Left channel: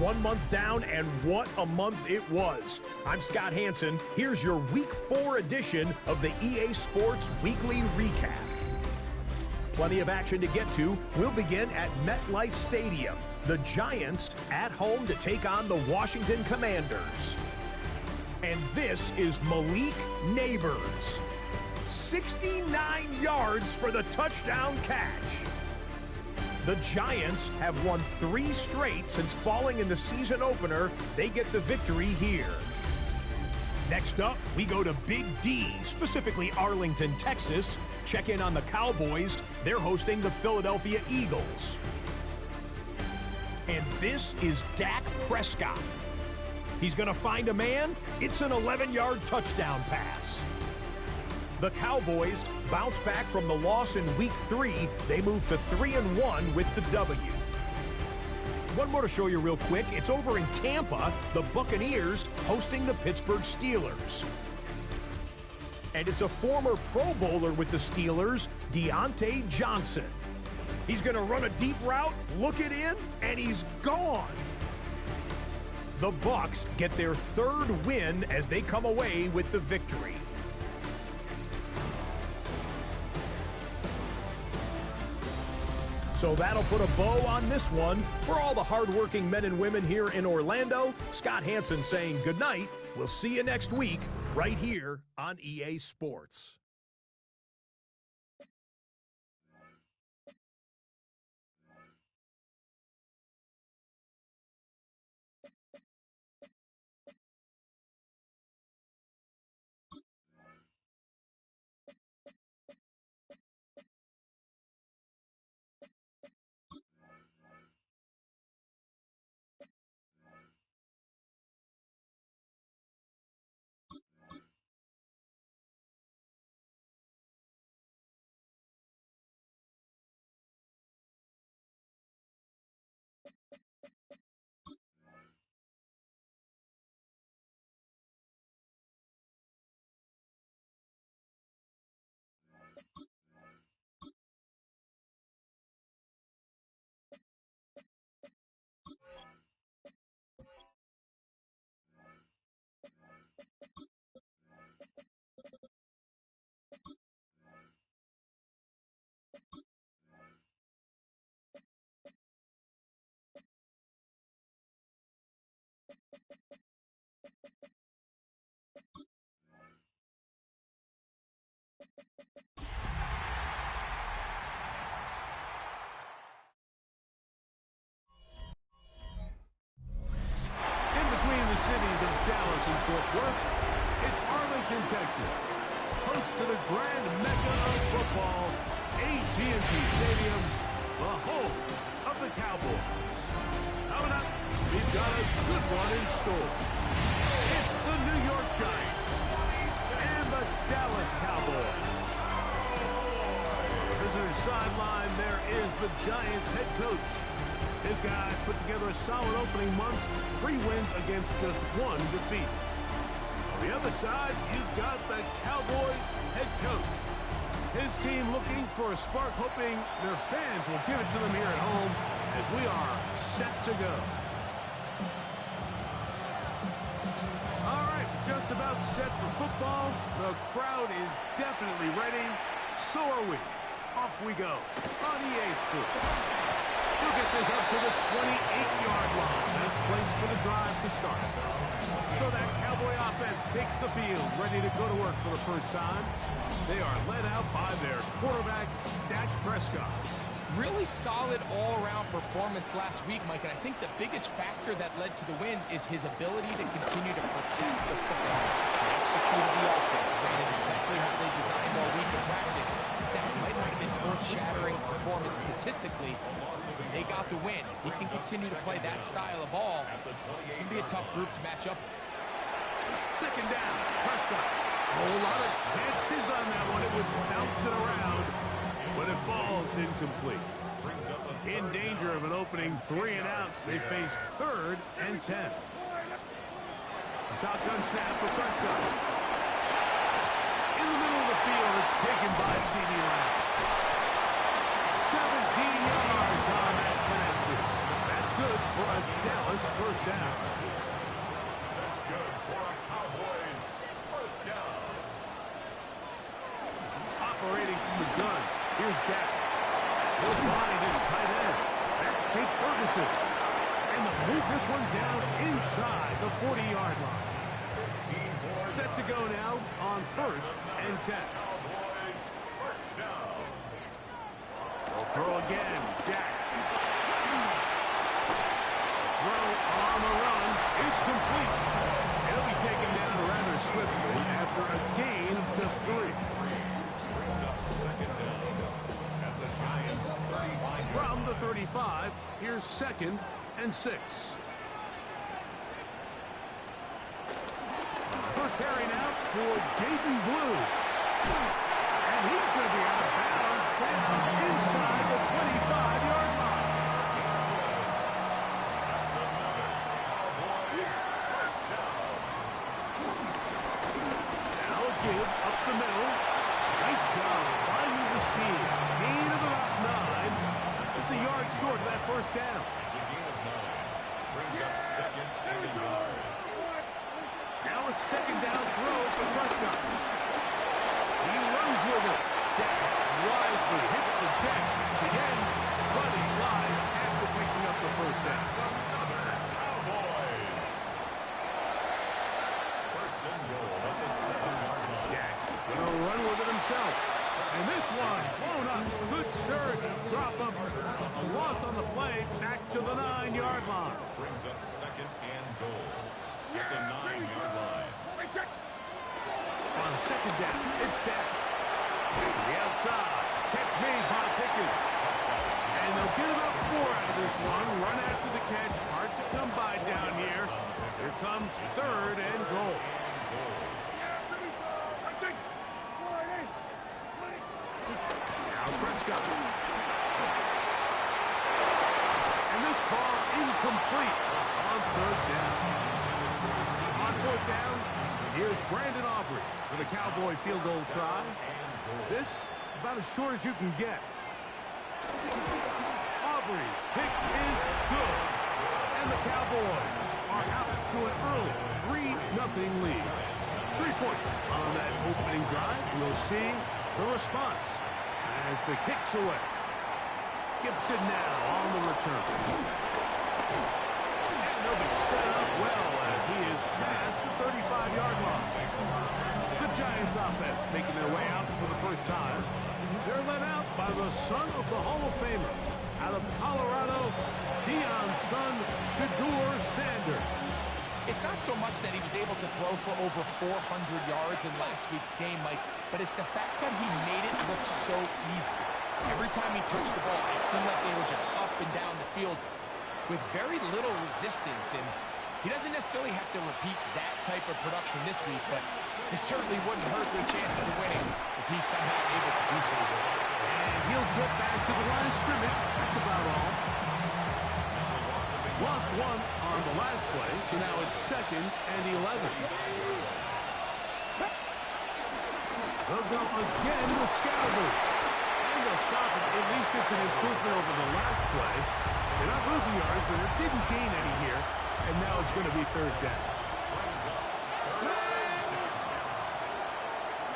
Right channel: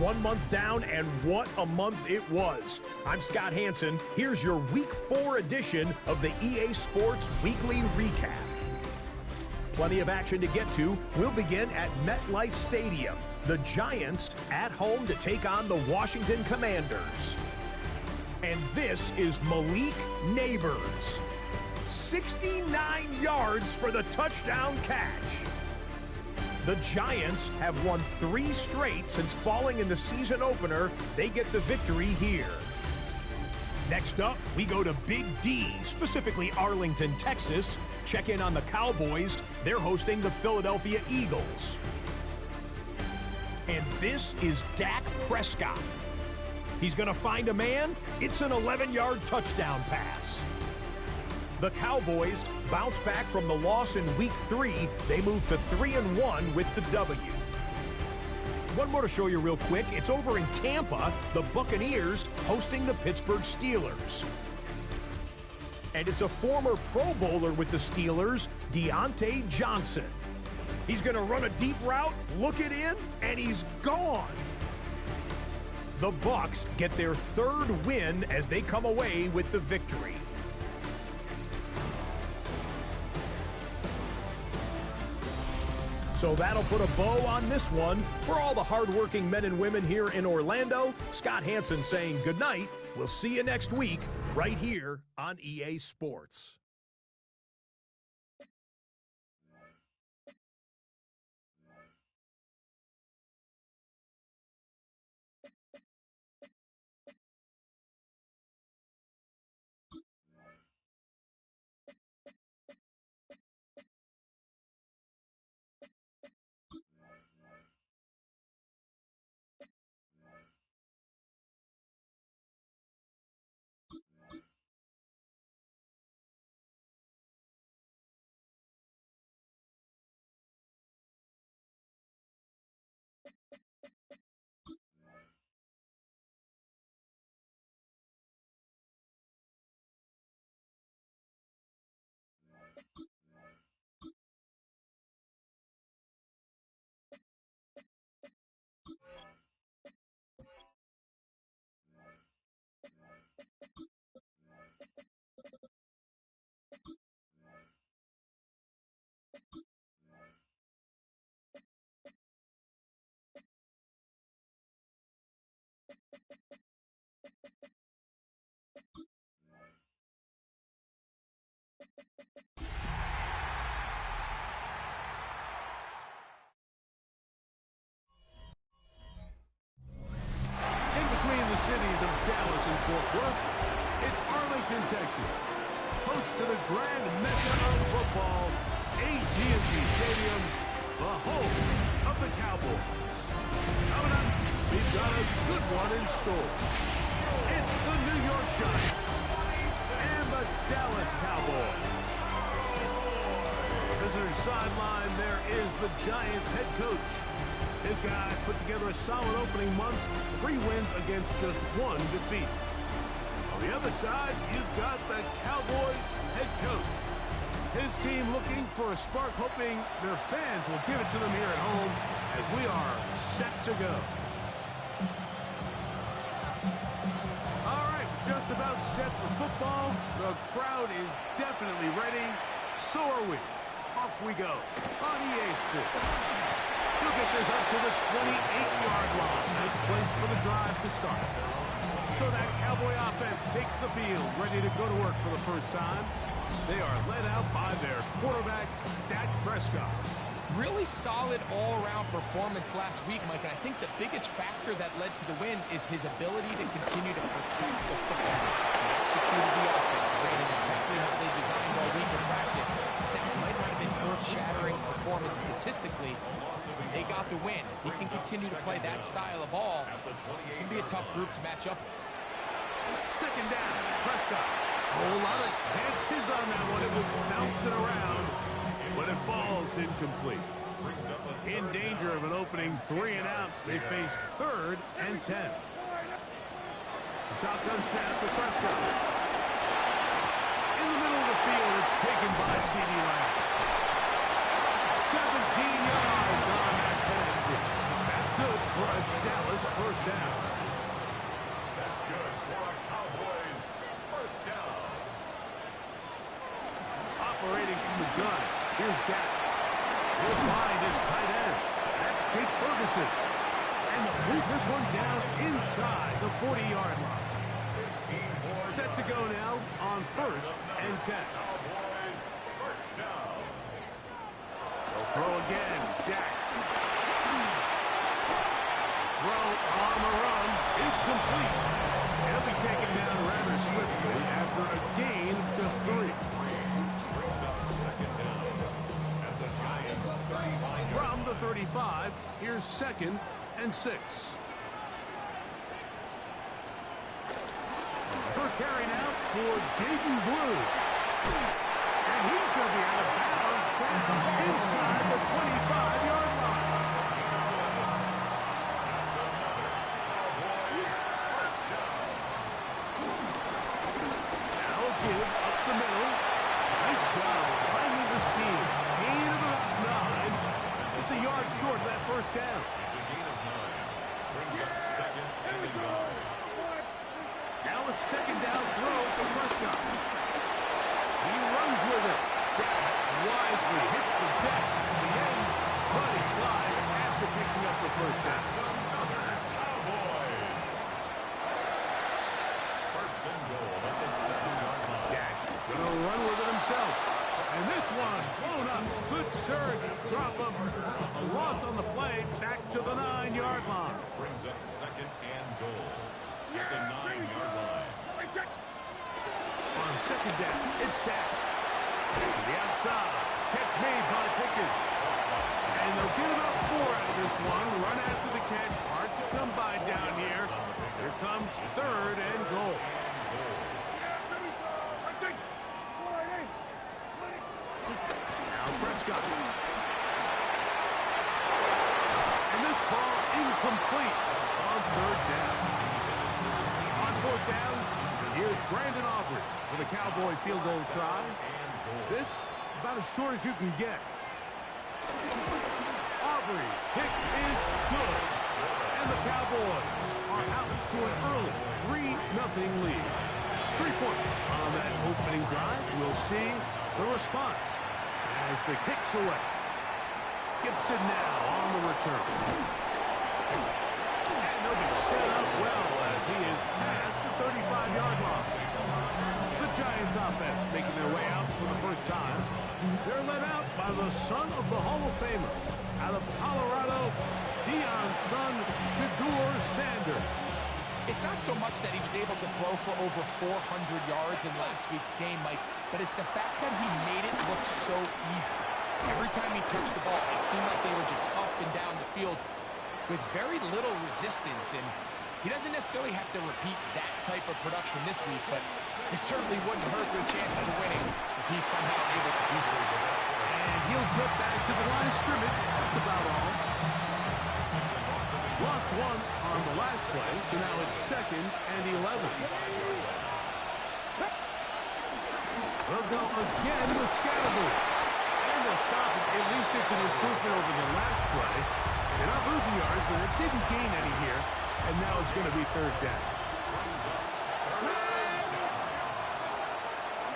1 month down, and what a month it was. I'm Scott Hansen. Here's your Week 4 edition of the EA Sports Weekly Recap. Plenty of action to get to. We'll begin at MetLife Stadium. The Giants at home to take on the Washington Commanders. And this is Malik Neighbors. 69 yards for the touchdown catch. The Giants have won 3 straight since falling in the season opener. They get the victory here. Next up, we go to Big D, specifically Arlington, Texas. Check in on the Cowboys. They're hosting the Philadelphia Eagles. And this is Dak Prescott. He's going to find a man. It's an 11-yard touchdown pass. The Cowboys bounce back from the loss in Week 3. They move to 3-1 with the W. One more to show you real quick. It's over in Tampa, the Buccaneers hosting the Pittsburgh Steelers. And it's a former Pro Bowler with the Steelers, Deontay Johnson. He's going to run a deep route, look it in, and he's gone. The Bucs get their 3rd win as they come away with the victory. So that'll put a bow on this one. For all the hardworking men and women here in Orlando, Scott Hansen saying good night. We'll see you next week right here on EA Sports. Cities of Dallas and Fort Worth, it's Arlington, Texas, host to the grand mecca of football, AT&T Stadium, the home of the Cowboys. Coming up, we've got a good one in store. It's the New York Giants and the Dallas Cowboys. Visitor sideline, there is the Giants head coach. His guys put together a solid opening month, 3 wins against just 1 defeat. On the other side, you've got the Cowboys head coach. His team looking for a spark, hoping their fans will give it to them here at home as we are set to go. All right, just about set for football. The crowd is definitely ready. So are we. Off we go on EA Sports. He'll get this up to the 28-yard line. Nice place for the drive to start. So that Cowboy offense takes the field, ready to go to work for the first time. They are led out by their quarterback, Dak Prescott. Really solid all-around performance last week, Mike. And I think the biggest factor that led to the win is his ability to continue to protect the football. He executed the offense, ran it exactly how they designed all week in practice. That might not have been earth-shattering performance statistically. They got the win. If he can continue to play that style of ball, it's going to be a tough group to match up with. Second down, Prescott. A whole lot of chances on that one. It was bouncing around, but it falls incomplete. In danger of an opening 3 and outs, they face 3rd and 10. A shotgun snap for Prescott. In the middle of the field, it's taken by CeeDee Lamb. 17 yards on that connection. That's That's good for a Dallas first down. That's good for a Cowboys first down. Operating from the gun. Here's Dak. He'll find his tight end. That's Jake Ferguson. And they'll move this one down inside the 40-yard line. Set to go now on 1st and 10. Cowboys first down. They'll throw again. Dak. Throw on the run is complete. He'll be taken down rather swiftly after a gain of just 3. Brings up second down at the Giants' 35. From the 35, here's 2nd and 6. First carry now for Jaden Blue. And he's going to be out of bounds down inside the 25-yard line. That's another Cowboys first down. Now a give up the middle. Nice job finding the seam. Gain of about 9. Just a yard short of that first down. It's a gain of 9. Brings up second and a yard. Now a second down throw for Prescott. He runs with it. Dak wisely hits the deck at the end, but he slides after picking up the first down. That's another Cowboys. First and goal at the 7-yard line. Dak gonna run with it himself. And this one blown up. Good surge. Drop him. A loss on the play. Back to the 9-yard line. Brings up second and goal at the 9-yard line. On second down, it's Dak. To the outside. Catch made by Pickens. And they'll get about 4 out of this one. Run after the catch. Hard to come by down here. Here comes 3rd and goal. Now Prescott. And this ball incomplete on 3rd down. On 4th down, here's Brandon Aubrey for the Cowboy field goal try. This about as short as you can get. Aubrey's kick is good. And the Cowboys are out to an early 3-0 lead. 3 points on that opening drive. We'll see the response as the kick's away. Gibson now on the return. And they'll be set up well as he is past the 35-yard line. The Giants offense making their way out for the first time. They're led out by the son of the Hall of Famer. Out of Colorado, Deion's son, Shedeur Sanders. It's not so much that he was able to throw for over 400 yards in last week's game, Mike, but it's the fact that he made it look so easy. Every time he touched the ball, it seemed like they were just up and down the field with very little resistance, and he doesn't necessarily have to repeat that type of production this week, but it certainly wouldn't hurt their chances of winning if he's somehow able to do so. And he'll get back to the line of scrimmage. That's about all. Lost 1 on the last play, so now it's 2nd and 11. They'll go again with Scalaboo. And they'll stop it. At least it's an improvement over the last play. They're not losing yards, but it didn't gain any here. And now it's going to be 3rd down.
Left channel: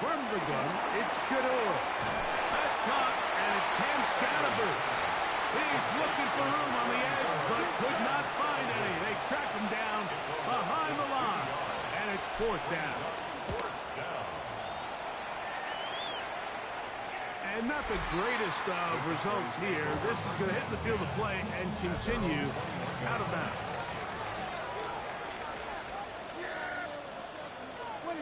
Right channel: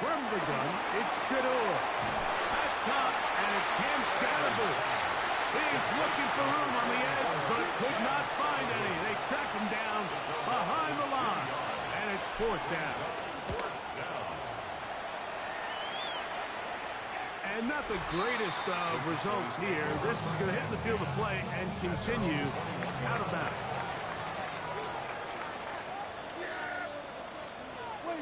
From the gun, it's Shedeur. That's caught, and it's Cam Scalaboo. He's looking for room on the edge, but could not find any. They track him down behind the line, and it's 4th down. And not the greatest of results here. This is going to hit the field of play and continue out of bounds.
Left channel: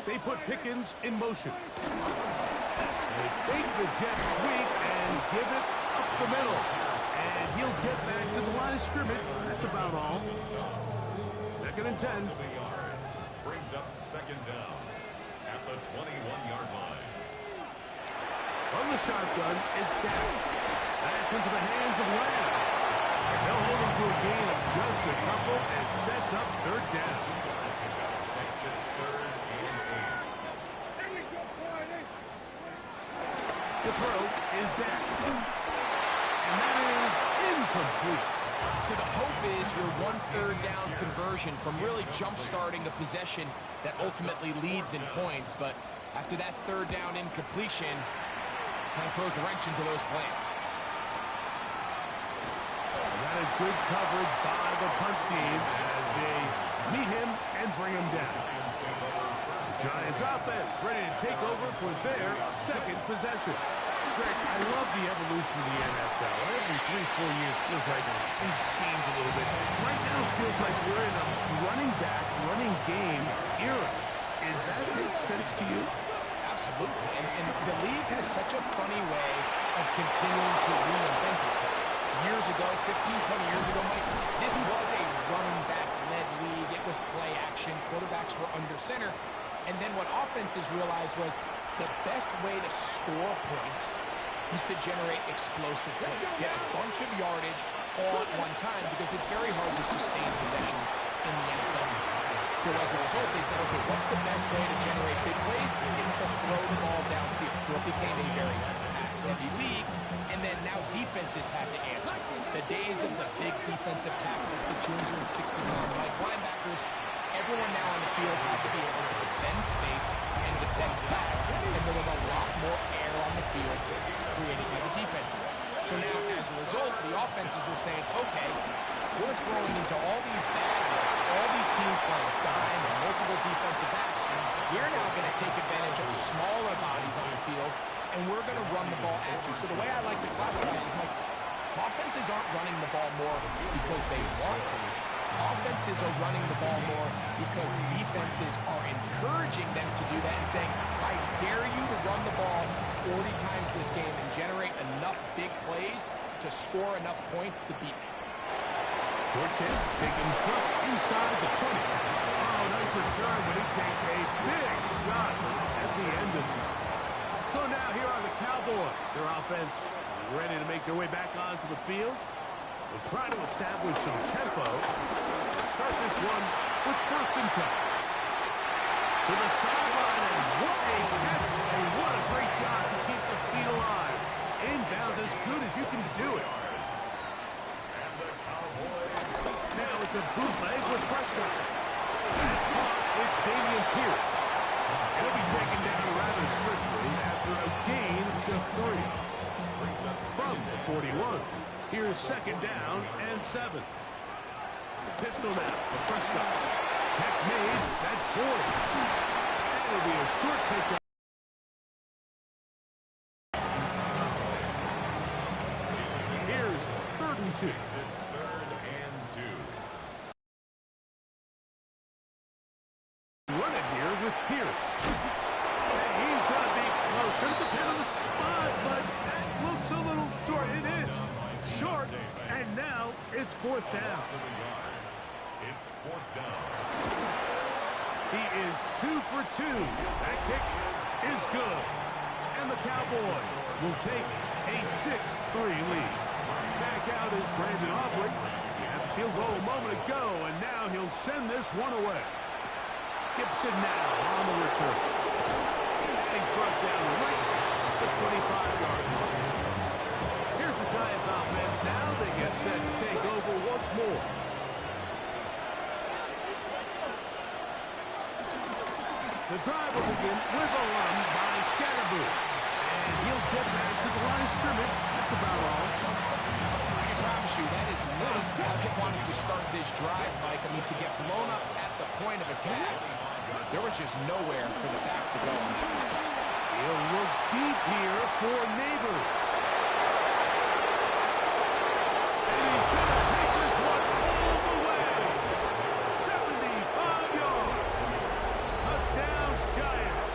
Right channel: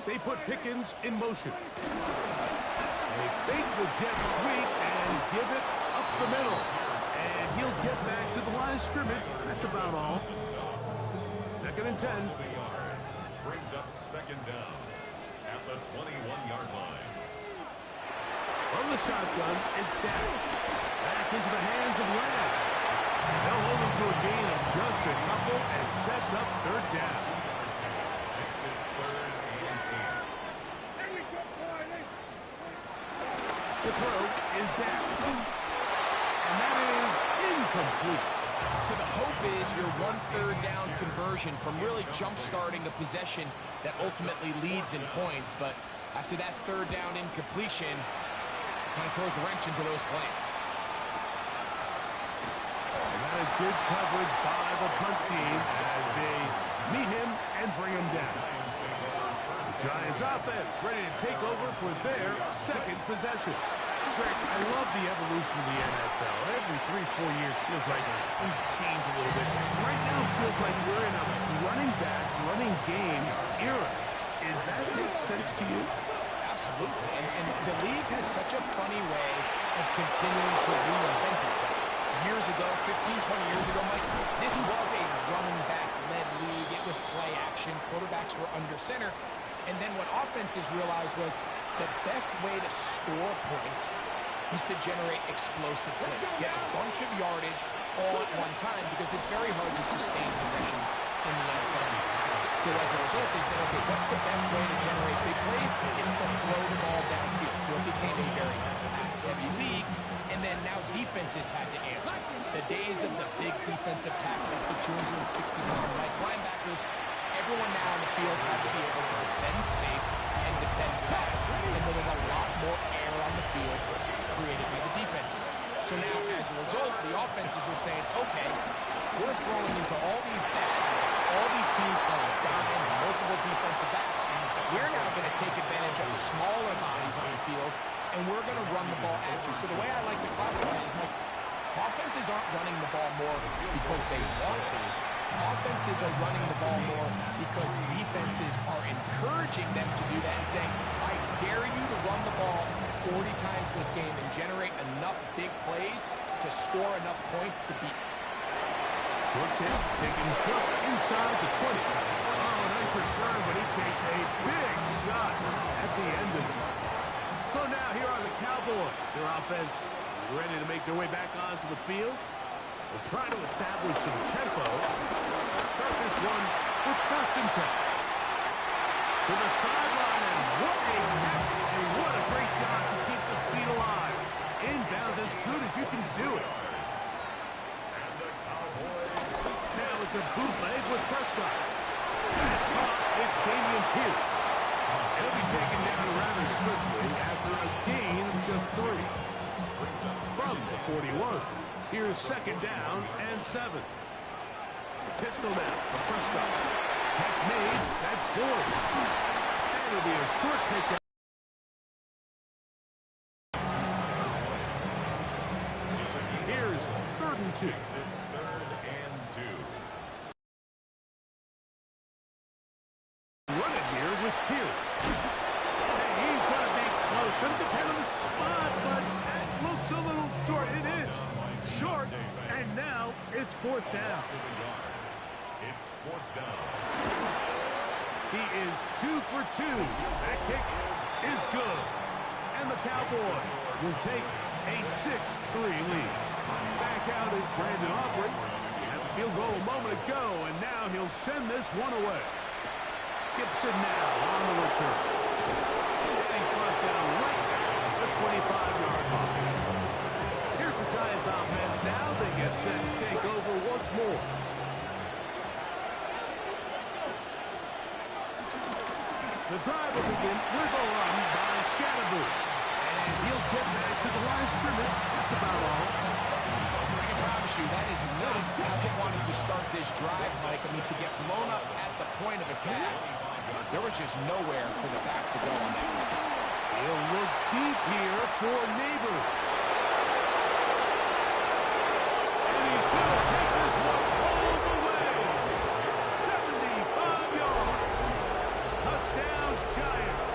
They put Pickens in motion. They fake the jet sweep and give it up the middle. And he'll get back to the line of scrimmage. That's about all. 2nd and 10. Brings up 2nd down at the 21-yard line. From the shotgun, it's Dak. That's into the hands of Lamb. And they'll hold him to a gain of just a couple and sets up 3rd down. Makes it 3rd and 8. The throw is Dak. And that is incomplete. So the hope is your 1/3 down conversion from really jump-starting a possession that ultimately leads in points. But after that 3rd down incompletion, kind of throws a wrench into those plans. And that is good coverage by the punt team as they meet him and bring him down. The Giants offense ready to take over for their 2nd possession. Greg, I love the evolution of the NFL. Every 3-4 years feels like things change a little bit. Right now it feels like we're in a running back, running game era. Does that make sense to you? Absolutely. And the league has such a funny way of continuing to reinvent itself. Years ago, 15, 20 years ago, Mike, this was a running back-led league. It was play action. Quarterbacks were under center. And then what offenses realized was the best way to score points is to generate explosive plays. Get a bunch of yardage all at one time because it's very hard to sustain possessions in the NFL. So as a result, they said, okay, what's the best way to generate big plays? It's to throw the ball downfield. So it became a very pass-heavy league. And then now defenses had to answer. The days of the big defensive tackles, the 260-pound linebackers, everyone now on the field had to be able to defend space and defend pass, and there was a lot more air on the field created by the defenses. So now, as a result, the offenses are saying, okay, we're throwing into all these bad looks, all these teams playing dime and multiple defensive backs. We're now going to take advantage of smaller bodies on the field, and we're going to run the ball at you. So the way I like to classify it is, like, offenses aren't running the ball more because they want to. Offenses are running the ball more because defenses are encouraging them to do that and saying, I dare you to run the ball 40 times this game and generate enough big plays to score enough points to beat me. Short kick taken just inside the 20. Oh, nice return, but he takes a big shot at the end of it. So now here are the Cowboys. Their offense ready to make their way back onto the field. We'll try to establish some tempo. Start this one with 1st and 10. To the sideline, and what a catch, and what a great job to keep the feet alive. Inbounds as good as you can do it. And the Cowboys. Now it's a bootleg with Prescott. That's caught. It's Dameon Pierce. He'll be taken down rather swiftly after a gain of just 3. From the 41. Here's 2nd down and 7. Pistol now for Prescott. Catch made. That's Boyd. And it'll be a short pickup. Here's 3rd and 2. 3rd and 2. Run it here with Pierce. Hey, he's going to be close. Going to depend on the spot, but that looks a little short. It is short, and now it's 4th down. It's 4th down. He is 2 for 2. That kick is good. And the Cowboys will take a 6-3 lead. Back out is Brandon Aubrey. He had the field goal a moment ago, and now he'll send this one away. Gibson now on the return. And he's brought down right at the 25-yard line. Here's the Giants offense now. They get set to take over once more. The drive will begin with a run by Scatterboo. And he'll get back to the line of scrimmage. That's about all. I can promise you that is not how they wanted to start this drive, Mike. I mean, to get blown up at the point of attack, there was just nowhere for the back to go on that one. He'll look deep here for Neighbors. And he's going to take this one all the way. 75 yards. Touchdown, Giants.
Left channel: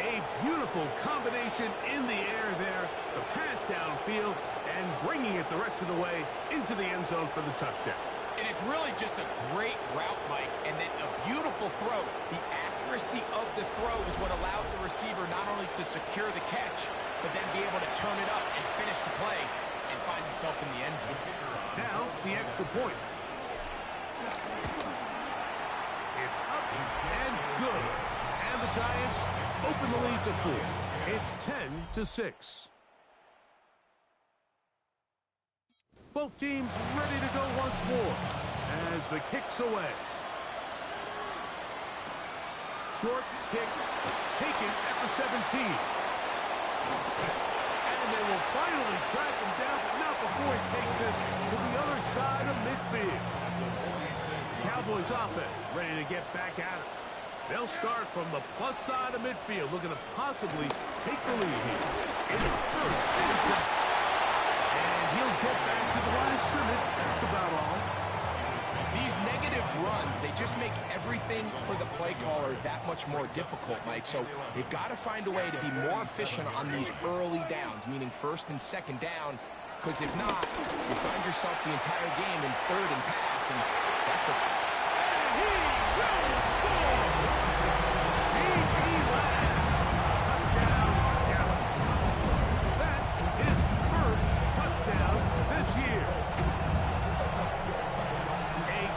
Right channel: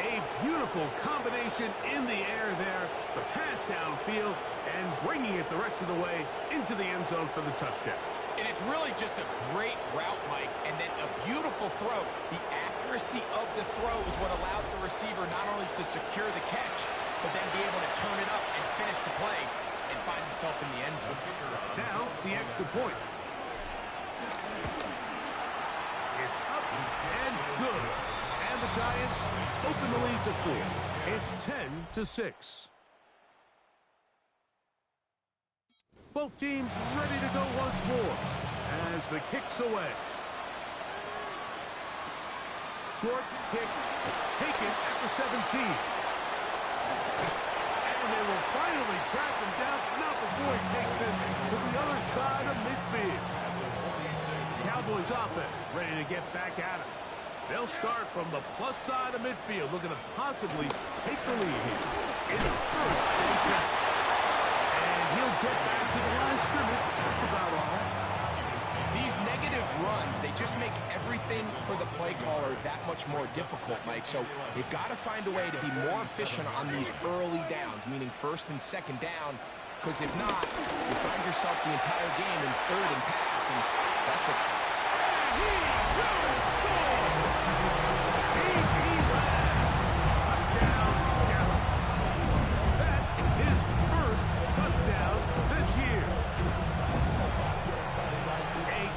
A beautiful combination in the air there. The pass downfield and bringing it the rest of the way into the end zone for the touchdown. And it's really just a great route, Mike, and then a beautiful throw. The accuracy of the throw is what allows the receiver not only to secure the catch, but then be able to turn it up and finish the play and find himself in the end zone. Now, the extra point. It's up and good. And the Giants open the lead to 4. It's 10-6. Both teams ready to go once more as the kick's away. Short kick taken at the 17. And they will finally track him down, but not before he takes this to the other side of midfield. Cowboys offense ready to get back at him. They'll start from the plus side of midfield, looking to possibly take the lead here. It's first and 10. And he'll get back to the line of scrimmage. That's about all. These negative runs, they just make everything for the play caller that much more difficult, Mike. So they've got to find a way to be more efficient on these early downs, meaning first and second down, because if not, you find yourself the entire game in third and pass, and that's what... And he will score! C.D. Lamb. Touchdown, Dallas. That is first touchdown this year.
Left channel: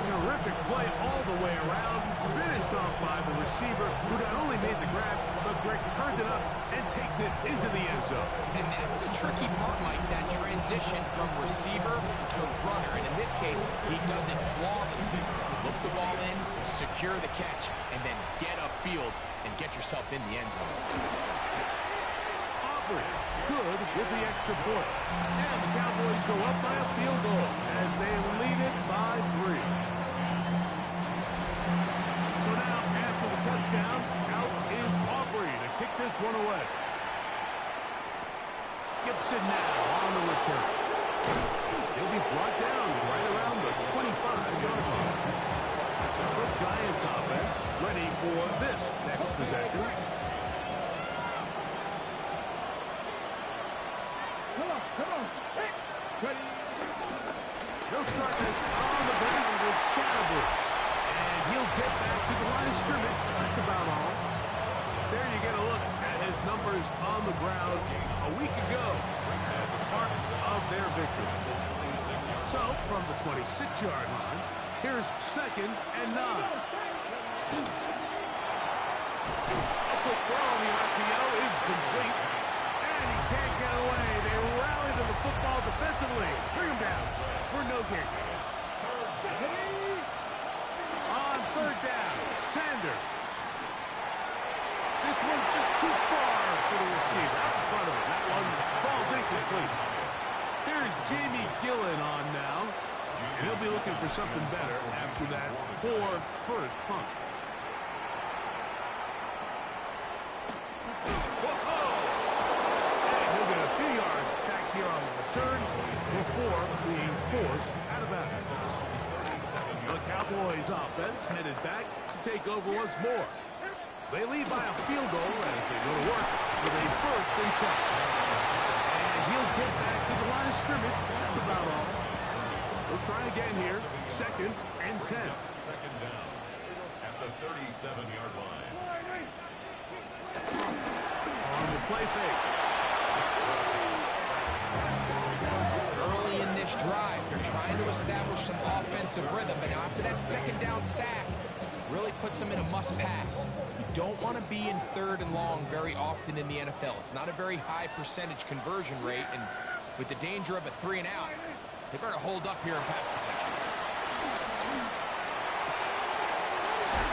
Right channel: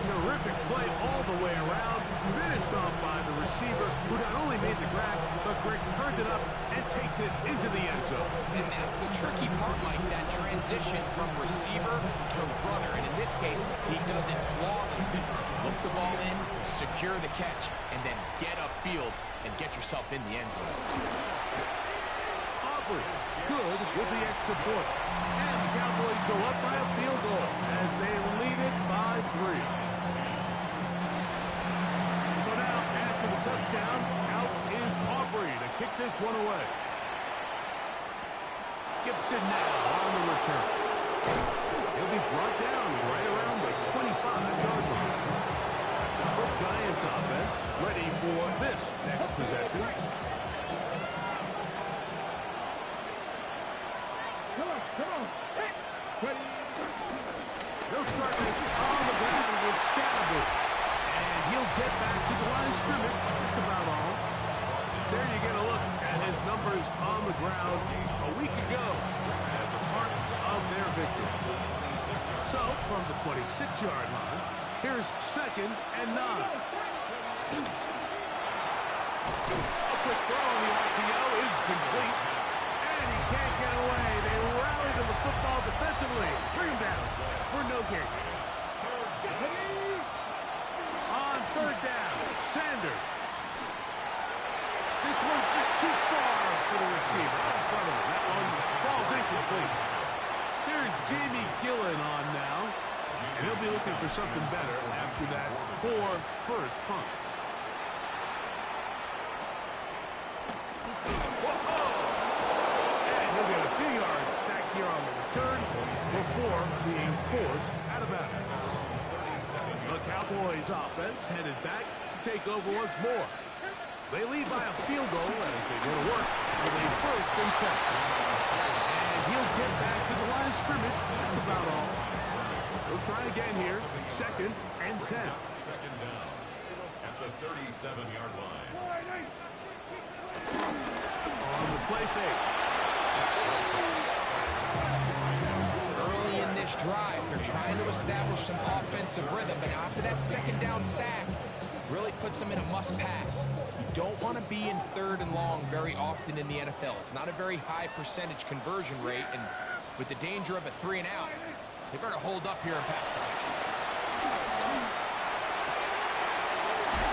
Terrific play all the way around, finished off by the receiver, who not only made the grab, but Greg turned it up and takes it into the end zone. And that's the tricky part, Mike, that transition from receiver to runner. And in this case, he does it flawlessly. Look the ball in, secure the catch, and then get upfield and get yourself in the end zone. Aubrey, good with the extra point. And the Cowboys go up by a field goal as they lead it by 3. So now, after the touchdown, out is Aubrey to kick this one away. Gibson now on the return. He'll be brought down right around the 25-yard line. The Giants offense ready for this next possession. Come on. Hey. Ready. They'll start this on the ground with Scatterbury. And he'll get back to the line of scrimmage. That's about all. There you get a look at his numbers on the ground a week ago as a part of their victory. So, from the 26-yard line, here's 2nd and 9. A quick throw on the RPO is complete. And he can't get away. They rally to the football defensively. Bring him down for no gain. On 3rd down, Sanders. This one just too far for the receiver. Out in front of him. That one falls incomplete. Here's Jamie Gillen on now. And he'll be looking for something better after that poor first punt. Whoa! And he'll get a few yards back here on the return before being forced out of bounds. The Cowboys offense headed back to take over once more. They lead by a field goal as they go to work with a 1st and 10. And he'll get back to the line of scrimmage. That's about all. They'll try again here. 2nd and 10. 2nd down at the 37-yard line. On the play fake. Early in this drive, they're trying to establish some offensive rhythm, but now after that 2nd down sack, really puts them in a must-pass. You don't want to be in 3rd and long very often in the NFL. It's not a very high percentage conversion rate, and with the danger of a 3 and out, they better hold up here in pass protection.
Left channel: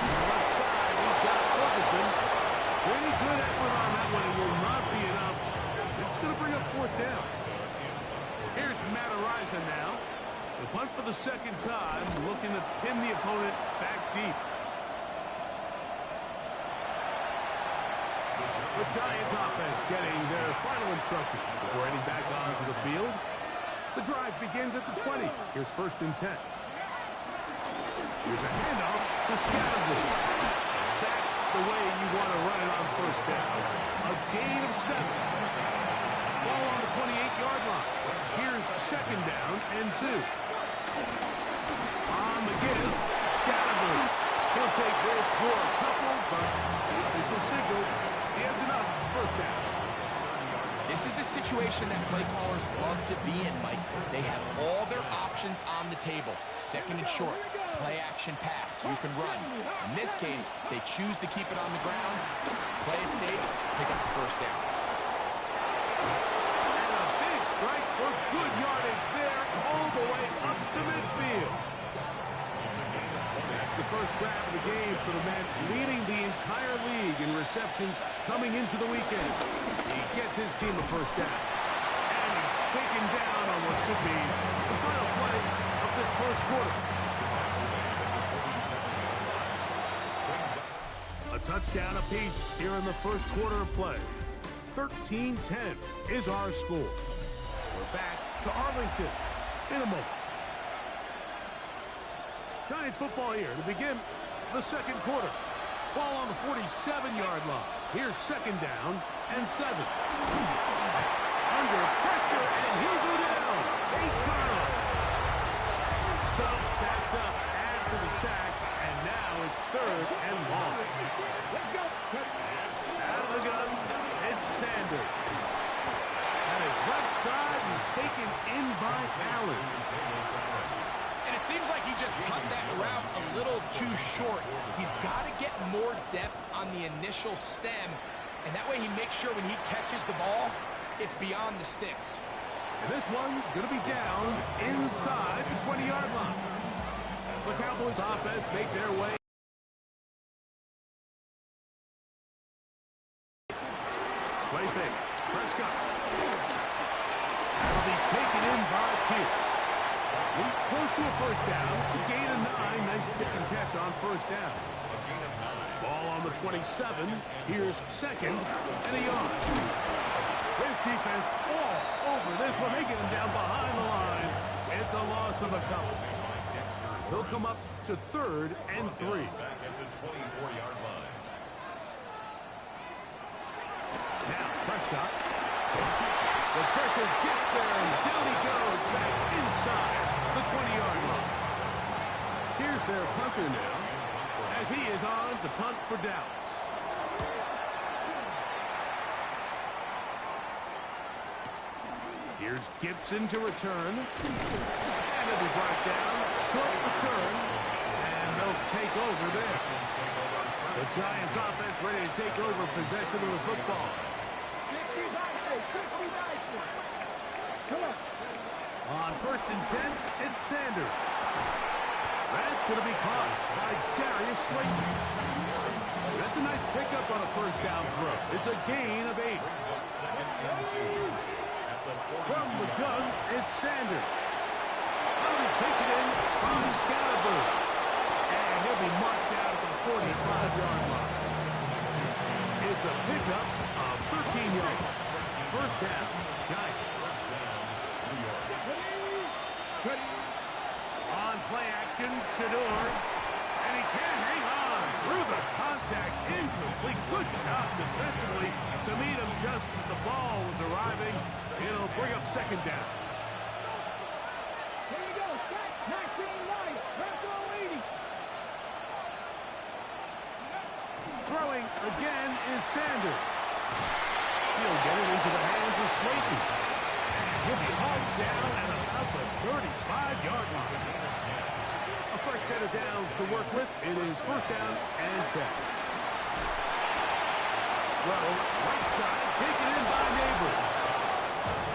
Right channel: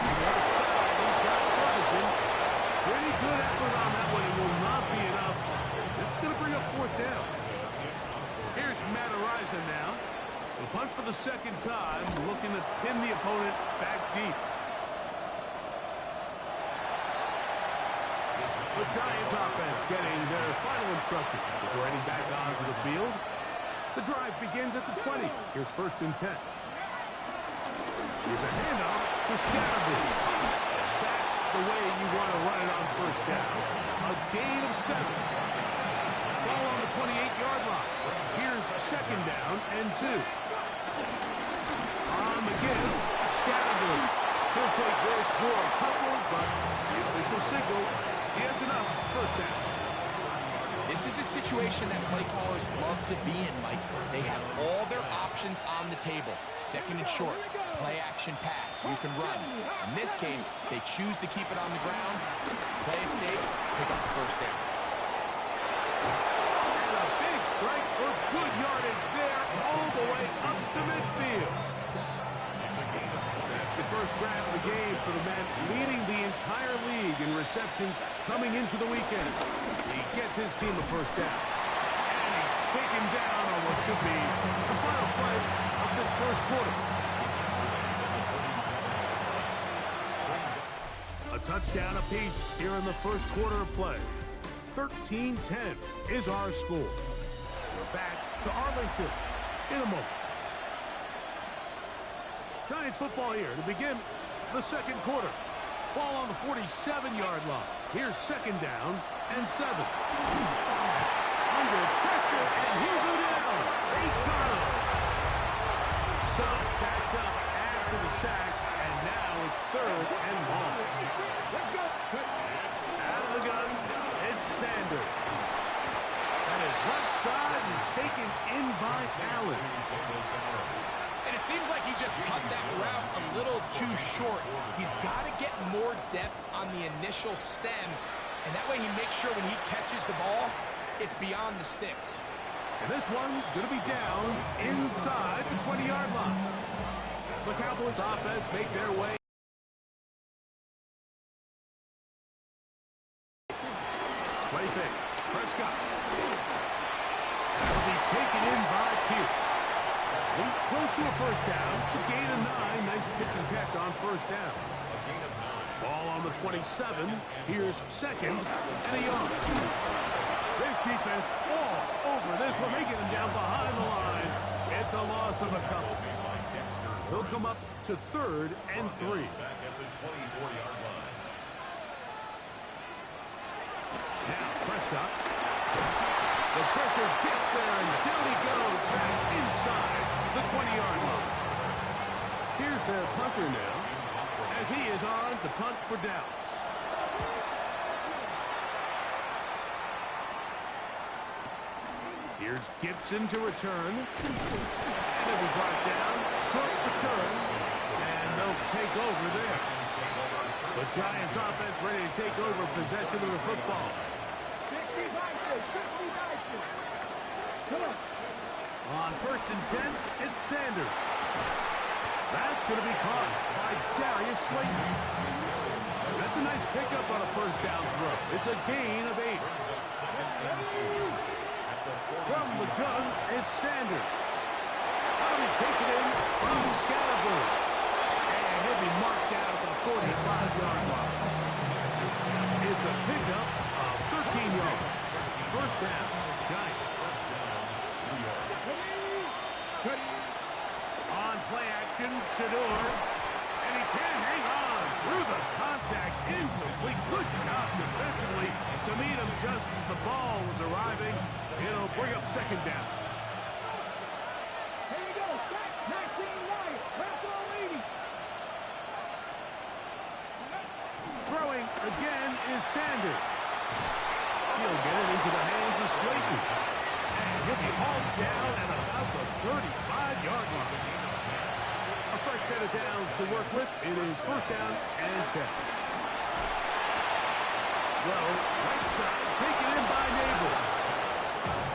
Left side, he's got Ferguson. Pretty good effort on that one. It will not be enough. It's going to bring up 4th down. Here's Matt Araiza now. The punt for the 2nd time, looking to pin the opponent back deep. The Giants offense getting their final instruction before heading back onto the field. The drive begins at the 20. Here's 1st and 10. Here's a handoff to Scatterbury. That's the way you want to run it on 1st down. A gain of 7. Ball on the 28-yard line. Here's 2nd down and 2. On the give, Scatterbury. He'll take this for a couple, but the official signal, he has enough. 1st down. This is a situation that play callers love to be in, Mike. They have all their options on the table. 2nd and short, play action pass. You can run. In this case, they choose to keep it on the ground, play it safe, pick up the 1st down. And a big strike for good yardage there, all the way up to midfield. That's the first grab of the game for the man leading the entire league in receptions coming into the weekend. He gets his team a first down. And he's taken down on what should be the final play of this first quarter. A touchdown apiece here in the first quarter of play. 13-10 is our score. We're back to Arlington in a moment. Giants football here to begin the second quarter. Ball on the 47-yard line. Here's second down and 7. Under pressure, and he'll go down. They got him. So backed up after the sack, and now it's third and long. Let's go. Out of the gun, it's Sanders. That is left side and taken in by Allen. And it seems like he just cut that route a little too short. He's got to get more depth on the initial stem, and that way he makes sure when he catches the ball, it's beyond the sticks. And this one's going to be down inside the 20-yard line. The Cowboys offense make their way. Play fake. Prescott. That'll be taken in by Pierce. He's close to a first down. It's a gain of 9. Nice pitch and catch on first down. Ball on the 27. Here's second and a yard. This defense all over this one. They get him down behind the line. It's a loss of a couple. They'll come up to third and 3. Back at the 24-yard line. Now Prescott. The pressure gets there, and down he goes back inside the 20-yard line. Here's their punter now, as he is on to punt for Dallas. Here's Gibson to return. And it'll be brought down. Short return. And they'll take over there. The Giants offense ready to take over possession of the football. Come on. On first and 10, it's Sanders. That's going to be caught by Darius Slayton. That's a nice pickup on a first down throw. It's a gain of 8. From the gun, it's Sanders. That'll be taken in from Scalaboo. And he'll be marked out at the 45-yard line. It's a pickup of 13 yards. First down, Giants. On play action, Shador. And he can't hang on through the contact. Incomplete. Good job defensively to meet him just as the ball was arriving. It'll bring up second down. Here you go. Throwing again is Sanders. He'll get it into the hands of Slayton. And he'll be hauled down at about the 35-yard line. A fresh set of downs to work with. It is first down and 10. Throw, right side, taken in by Neighbors.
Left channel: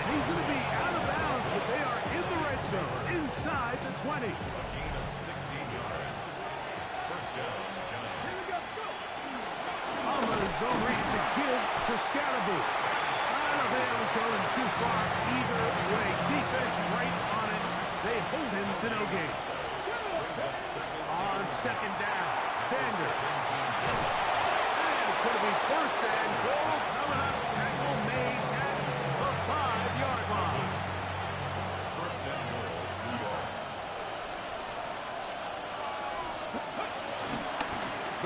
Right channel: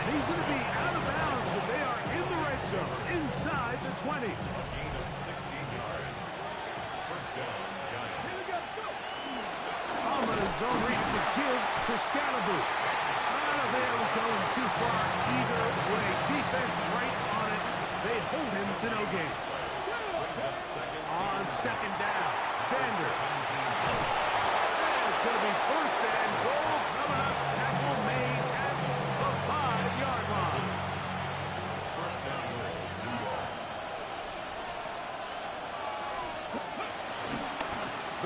And he's going to be out of bounds, but they are in the red zone, inside the 20. A gain of 16 yards. First down, Giants. Here we go. Go. On the zone read to give to Scalaboo. I don't think that was going too far either way. Defense right on it. They hold him to no gain. On second down, Sanders. And it's going to be first and goal coming up. Tackle made at the 5-yard line. First down goal, New York.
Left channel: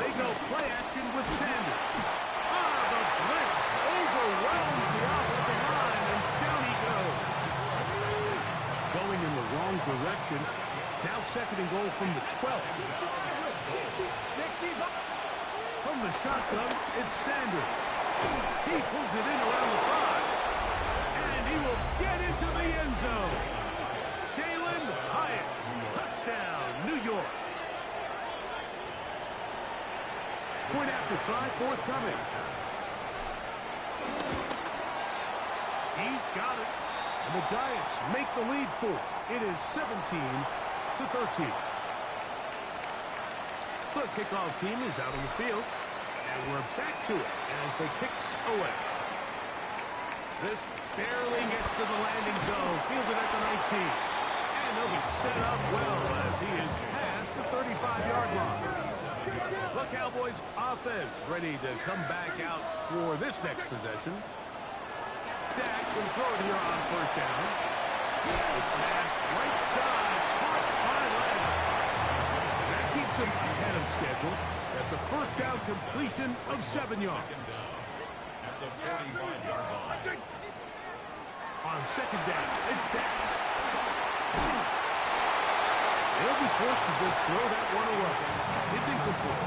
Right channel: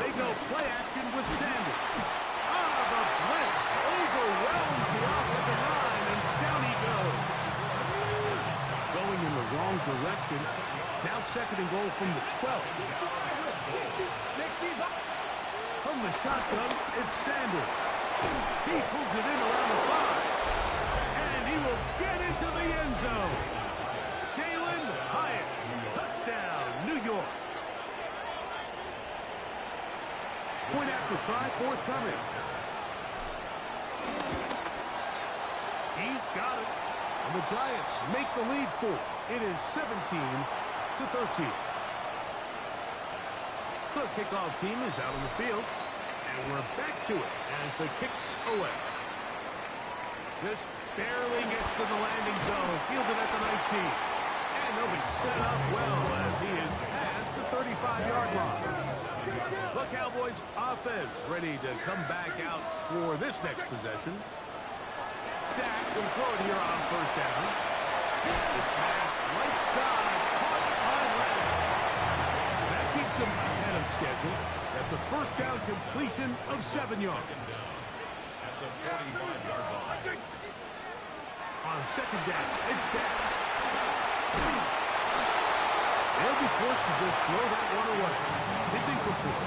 They go play action with Sanders. The blitz overwhelms the offensive line, and down he goes. Going in the wrong direction. Now second and goal from the 12. From the shotgun, it's Sanders. He pulls it in around the 5. And he will get into the end zone. Jalen Hyatt. Touchdown, New York. Point after try, forthcoming. He's got it. And the Giants make the lead 4. It is 17-13. The kickoff team is out on the field. And we're back to it as the kick's away. This barely gets to the landing zone. Fielded at the 19. And he'll be set up well as he is past the 35-yard line. The Cowboys offense ready to come back out for this next possession. Dak will throw it here on first down. This pass right side caught by Leonard. That keeps him ahead of schedule. That's a first down completion of 7 yards. At the 45-yard line. On second down, it's Dak. They'll be forced to just throw that one away. It's incomplete.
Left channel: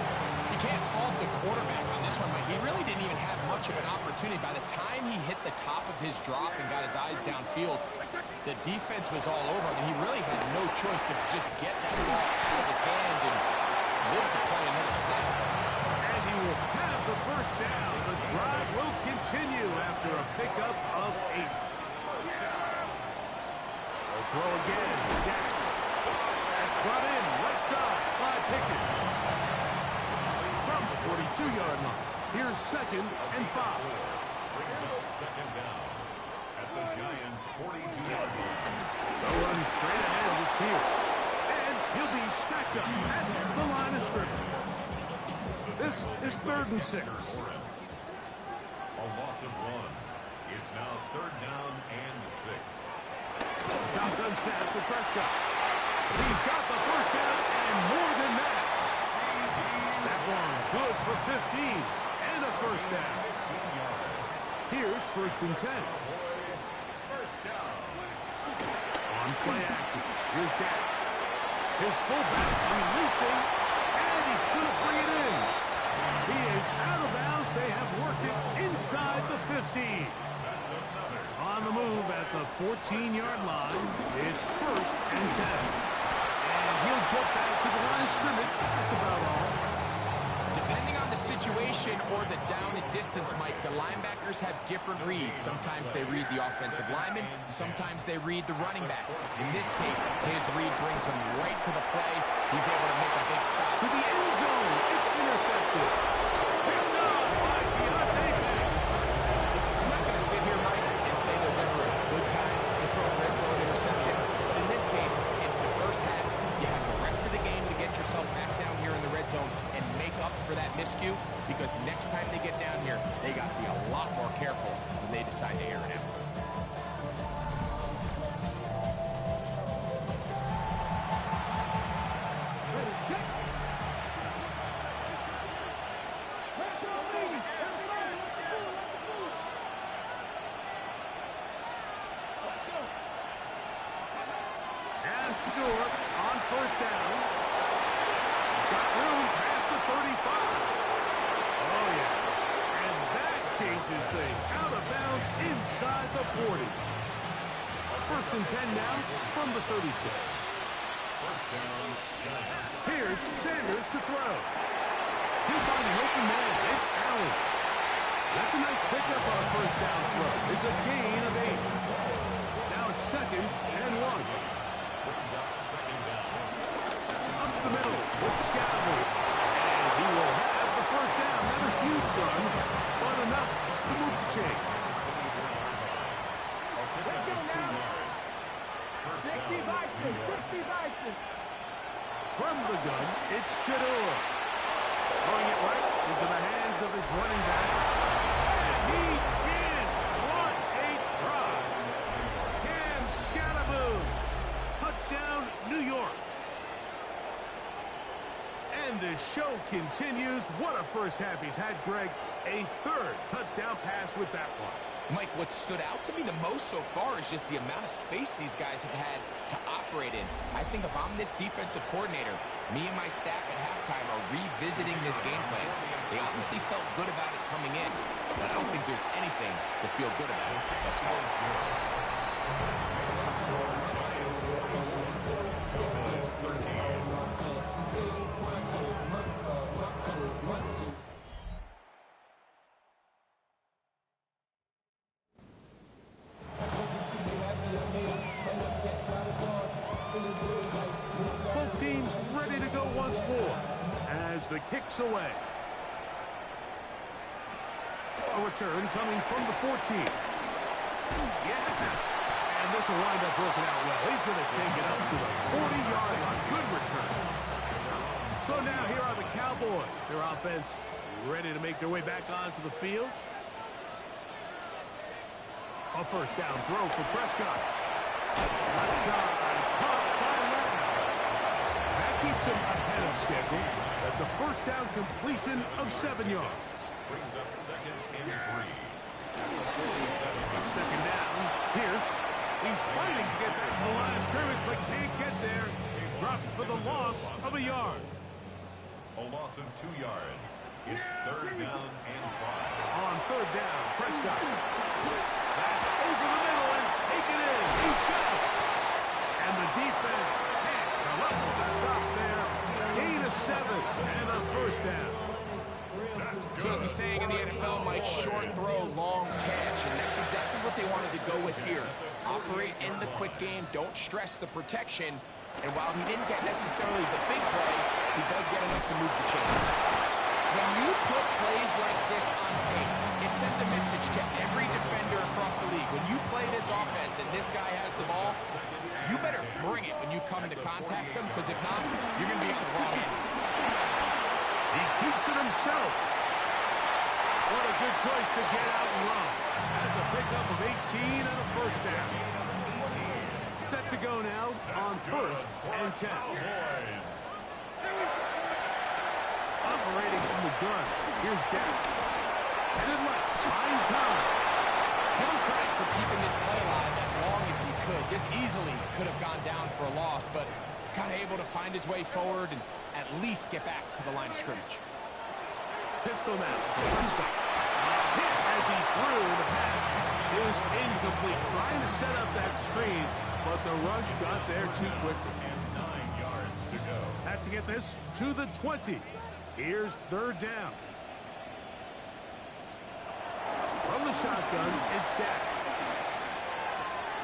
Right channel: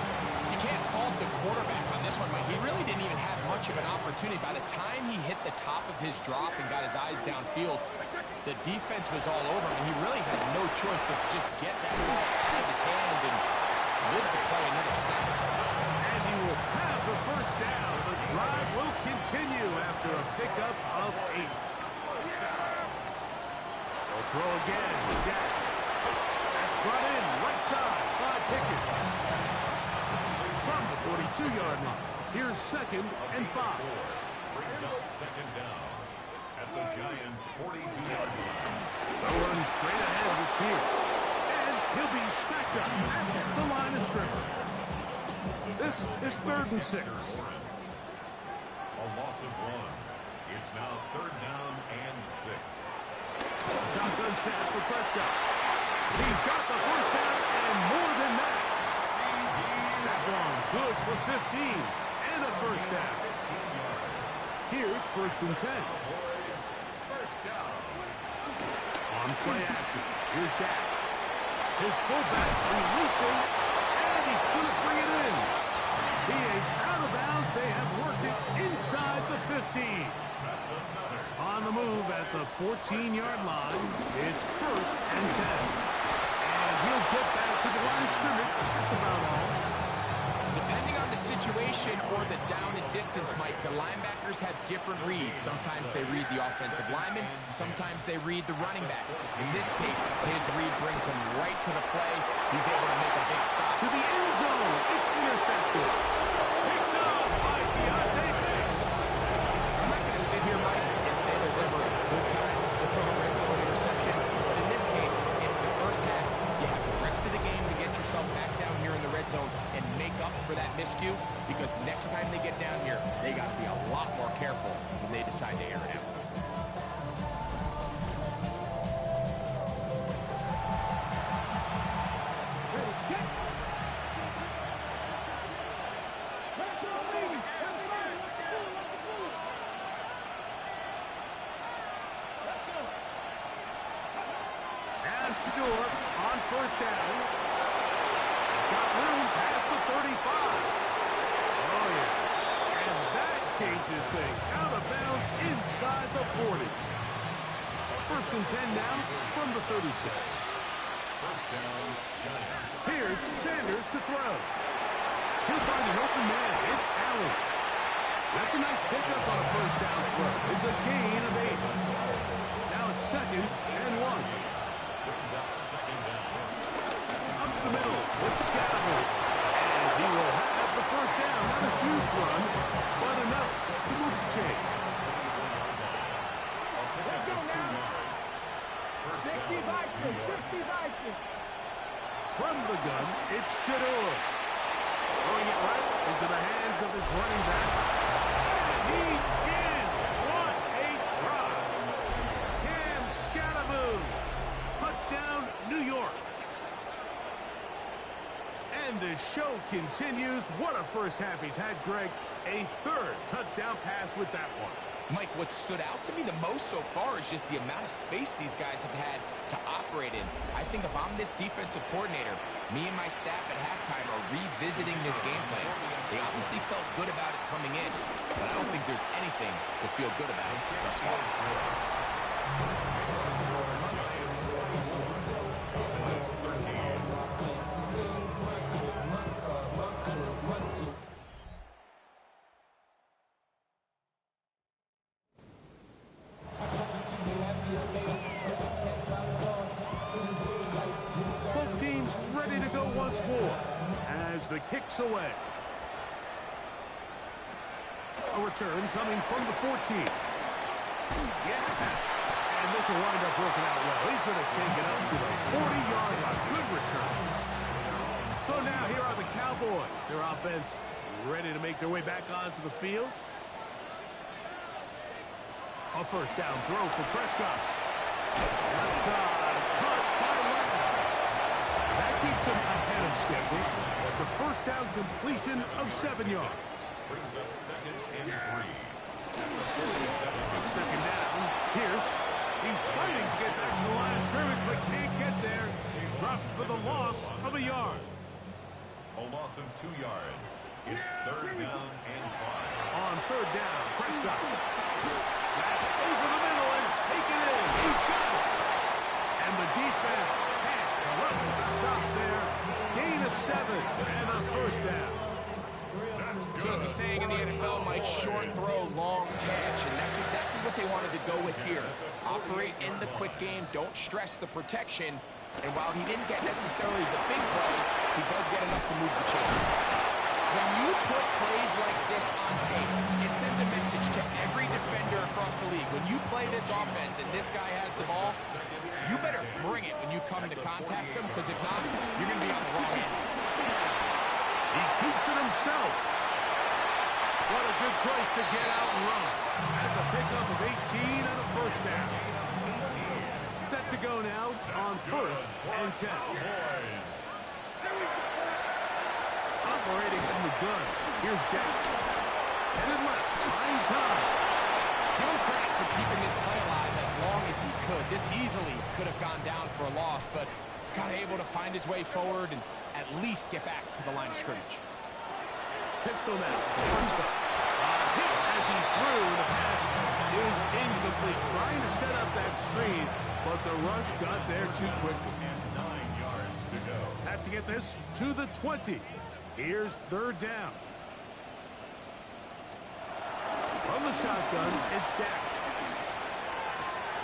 You can't fault the quarterback on this one, Mike. He really didn't even have much of an opportunity. By the time he hit the top of his drop and got his eyes downfield, the defense was all over him, and he really had no choice but to just get that ball out of his hand and live to play another snap. And he will have the first down. The drive will continue after a pickup of 8. They'll throw again. Dak. That's brought in right side by Pickett. From the 42-yard line. Here's 2nd and 5. Brings up second down at the Giants' 42-yard line. They'll run straight ahead with Pierce. And he'll be stacked up at the line of scrimmage. This is 3rd and 6. A loss of 1. It's now 3rd down and 6. Shotgun snap for Prescott. He's got the first down and more than that. That one good for 15 and a first down. 15 yards. Here's 1st and 10. Cowboys, first down. On play action. Here's Dak. His fullback releasing, and he's going to bring it in. He is out of bounds. They have worked it inside the 15. That's another. On the move at the 14-yard line. It's 1st and 10. And he'll get back to the line of scrimmage. That's about all. Depending on the situation or the down and distance, Mike, the linebackers have different reads. Sometimes they read the offensive lineman. Sometimes they read the running back. In this case, his read brings him right to the play. He's able to make a big stop. To the end zone. It's intercepted. Picked up by Deontay Banks. I'm not going to sit here, Mike, and say there's ever a good time to throw a red zone interception. But in this case, it's the first half. You have the rest of the game to get yourself back down here in the red zone and make up for that miscue, because next time they get down here, they got to be a lot more careful when they decide to air it out. Short on first down. He's got room past the 35. Oh, yeah. And that changes things. Out of bounds inside the 40. 1st and 10 now from the 36. First down, Giants. Here's Sanders to throw. He'll find an open man. It's Allen. That's a nice pickup on a first down throw. It's a gain of 8. Now it's 2nd and 1. Brings up second down. Up the middle with Scatterman. And he will have the first down. Not a huge run, but enough to move the chain. A pickup of 2 yards. First down, New York. From the gun, it's Shador. Throwing it right into the hands of his running back. And he's in. What a try. Cam Scatterman. Touchdown, New York. And the show continues. What a first half he's had, Greg. A 3rd touchdown pass with that one. Mike, what stood out to me the most so far is just the amount of space these guys have had to operate in. I think if I'm this defensive coordinator, me and my staff at halftime are revisiting this game plan. They obviously felt good about it coming in, but I don't think there's anything to feel good about thus far. 4 as the kick's away. A return coming from the 14. Yeah. And this will wind up working out well. He's going to take it up to the 40-yard line. Good return. So now here are the Cowboys. Their offense ready to make their way back onto the field. A first down throw for Prescott. Left side, caught by Lamb. That keeps him ahead of schedule. That's a first down completion of 7 yards. Brings up 2nd and 3. At the 47. Second down. Pierce. He's fighting to get back to the line of scrimmage, but can't get there. Dropped for the loss of a yard. A loss of 2 yards. It's 3rd down and 5. On 3rd down, Prescott. That's over the middle and taken in. He's got it. And the defense can't come up with a stop there. Gain of 7 and a first down. So as the saying in the NFL, Mike, short throw, long catch, and that's exactly what they wanted to go with here. Operate in the quick game, don't stress the protection, and while he didn't get necessarily the big play, he does get enough to move the chains. When you put plays like this on tape, it sends a message to every defender across the league. When you play this offense and this guy has the ball, you better bring it when you come to contact him, because if not, you're going to be on the wrong end. He keeps it himself. What a good choice to get out and run. That's a pickup of 18 and a first down. Set to go now on 1st and 10. Operating from the gun. Here's Dak. Headed left. Fine time. Give him credit for keeping this play alive as long as he could. This easily could have gone down for a loss, but he's kind of able to find his way forward and at least get back to the line of scrimmage. Pistol now for Prescott. Hit as he threw. The pass is incomplete. Trying to set up that screen, but the rush got there too quickly. And 9 yards to go. Have to get this to the 20. Here's 3rd down. From the shotgun, it's Dak.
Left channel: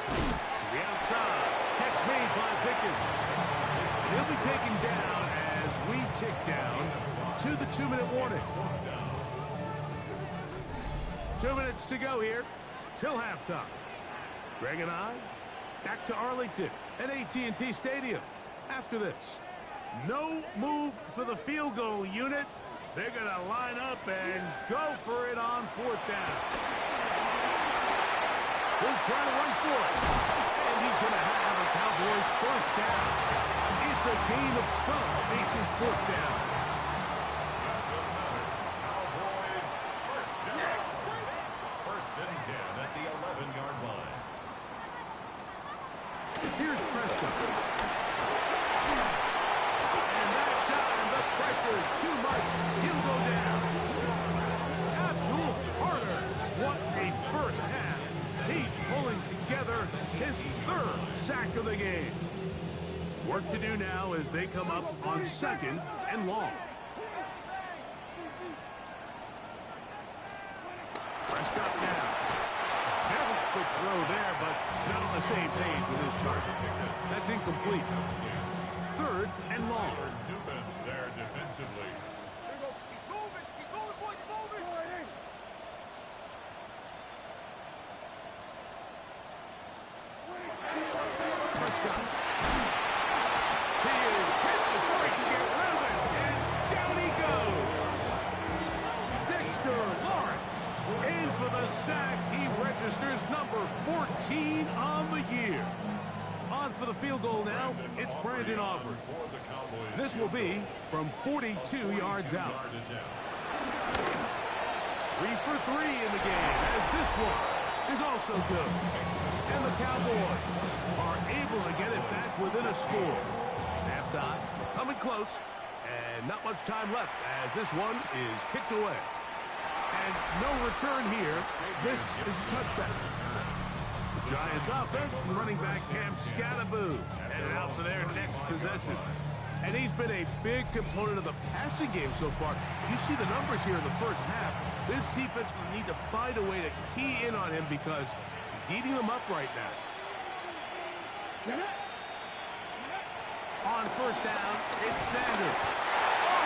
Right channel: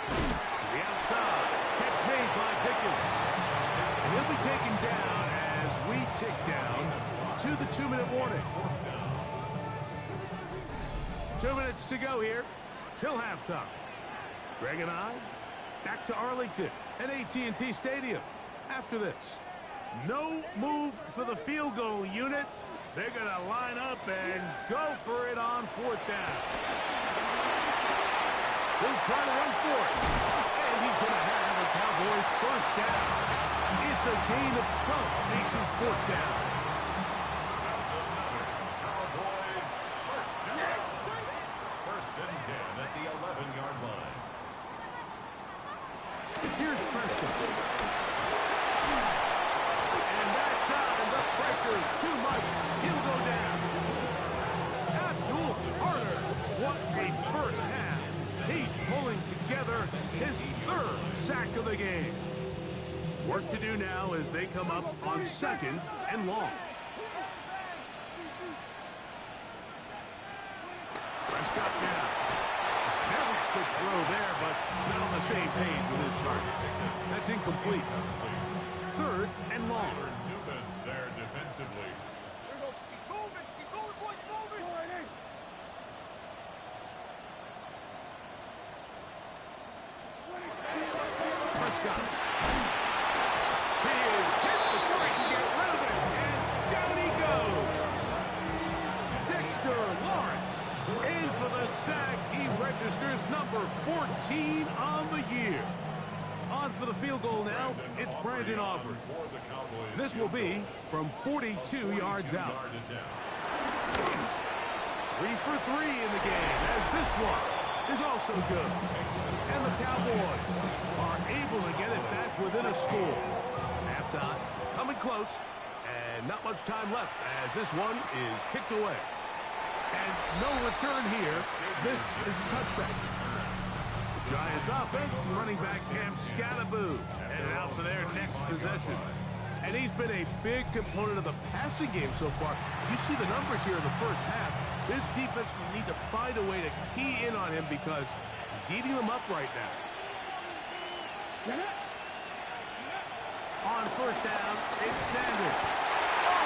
To the outside. Catch made by Pickens. And he'll be taken down as we tick down to the 2-minute warning. 2 minutes to go here till halftime. Greg and I back to Arlington at AT&T Stadium. After this, no move for the field goal unit. They're going to line up and go for it on 4th down. He'll try to run for it. And he's going to have a Cowboys first down. It's a gain of 12 facing 4th down. That's another Cowboys first down. 1st and 10 at the 11-yard line. Here's Prescott. And that time, the pressure too much. He'll go down. Abdul Carter. What a first half. He's pulling together his 3rd sack of the game. Work to do now as they come up on 2nd and long. Prescott now. Very quick throw there, but not on the same page with his charge. That's incomplete. 3rd and long. Newman there defensively. Keep moving, boys, keep moving. Prescott. He is hit before he can get rid of it, and down he goes. Dexter Lawrence in for the sack. He registers number 14 on the year. On for the field goal now, it's Brandon Aubrey. This will be from 42 yards out. 3 for 3 in the game, as this one is also good. And the Cowboys are able to get it back within a score. Halftime coming close, and not much time left as this one is kicked away. And no return here. This is a touchback. The Giants offense and running back Cam Scattaboo headed out for their next possession. And he's been a big component of the passing game so far. You see the numbers here in the first half. This defense will need to find a way to key in on him because he's eating them up right now. On 1st down, it's Sanders.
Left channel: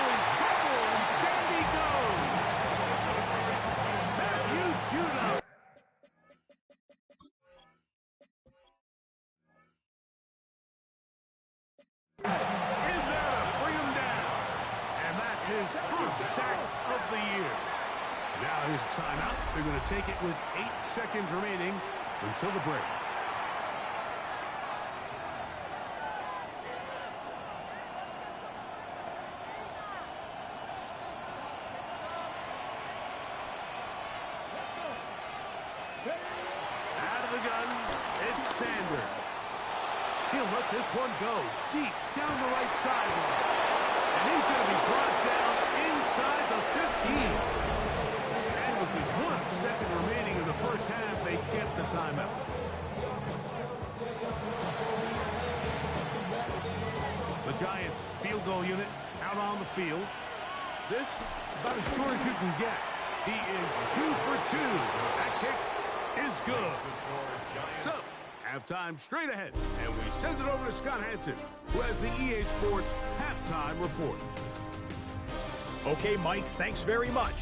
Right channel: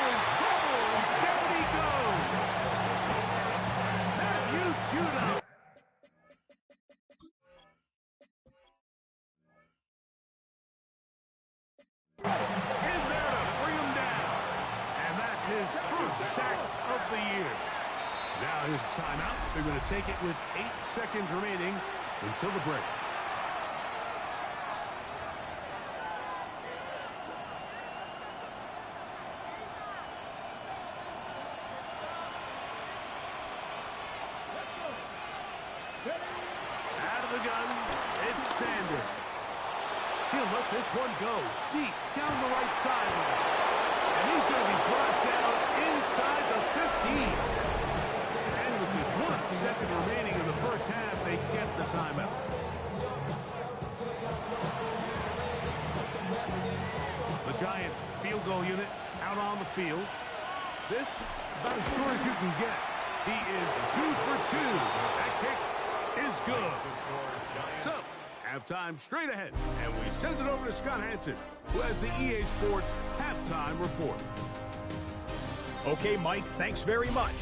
in trouble, and down he goes. Matthew Judon. In there to bring him down. And that's his first sack of the year. Now here's a timeout. They're going to take it with 8 seconds remaining until the break. Out of the gun, it's Sanders. He'll let this one go deep down the right sideline. And he's going to be brought down inside the 15. And with just 1 second remaining in the first half, they get the timeout. The Giants field goal unit out on the field. This about as short as you can get. He is 2 for 2. That kick is good. So, halftime straight ahead, and we send it over to Scott Hansen, who has the EA Sports halftime report. Okay, Mike, thanks very much.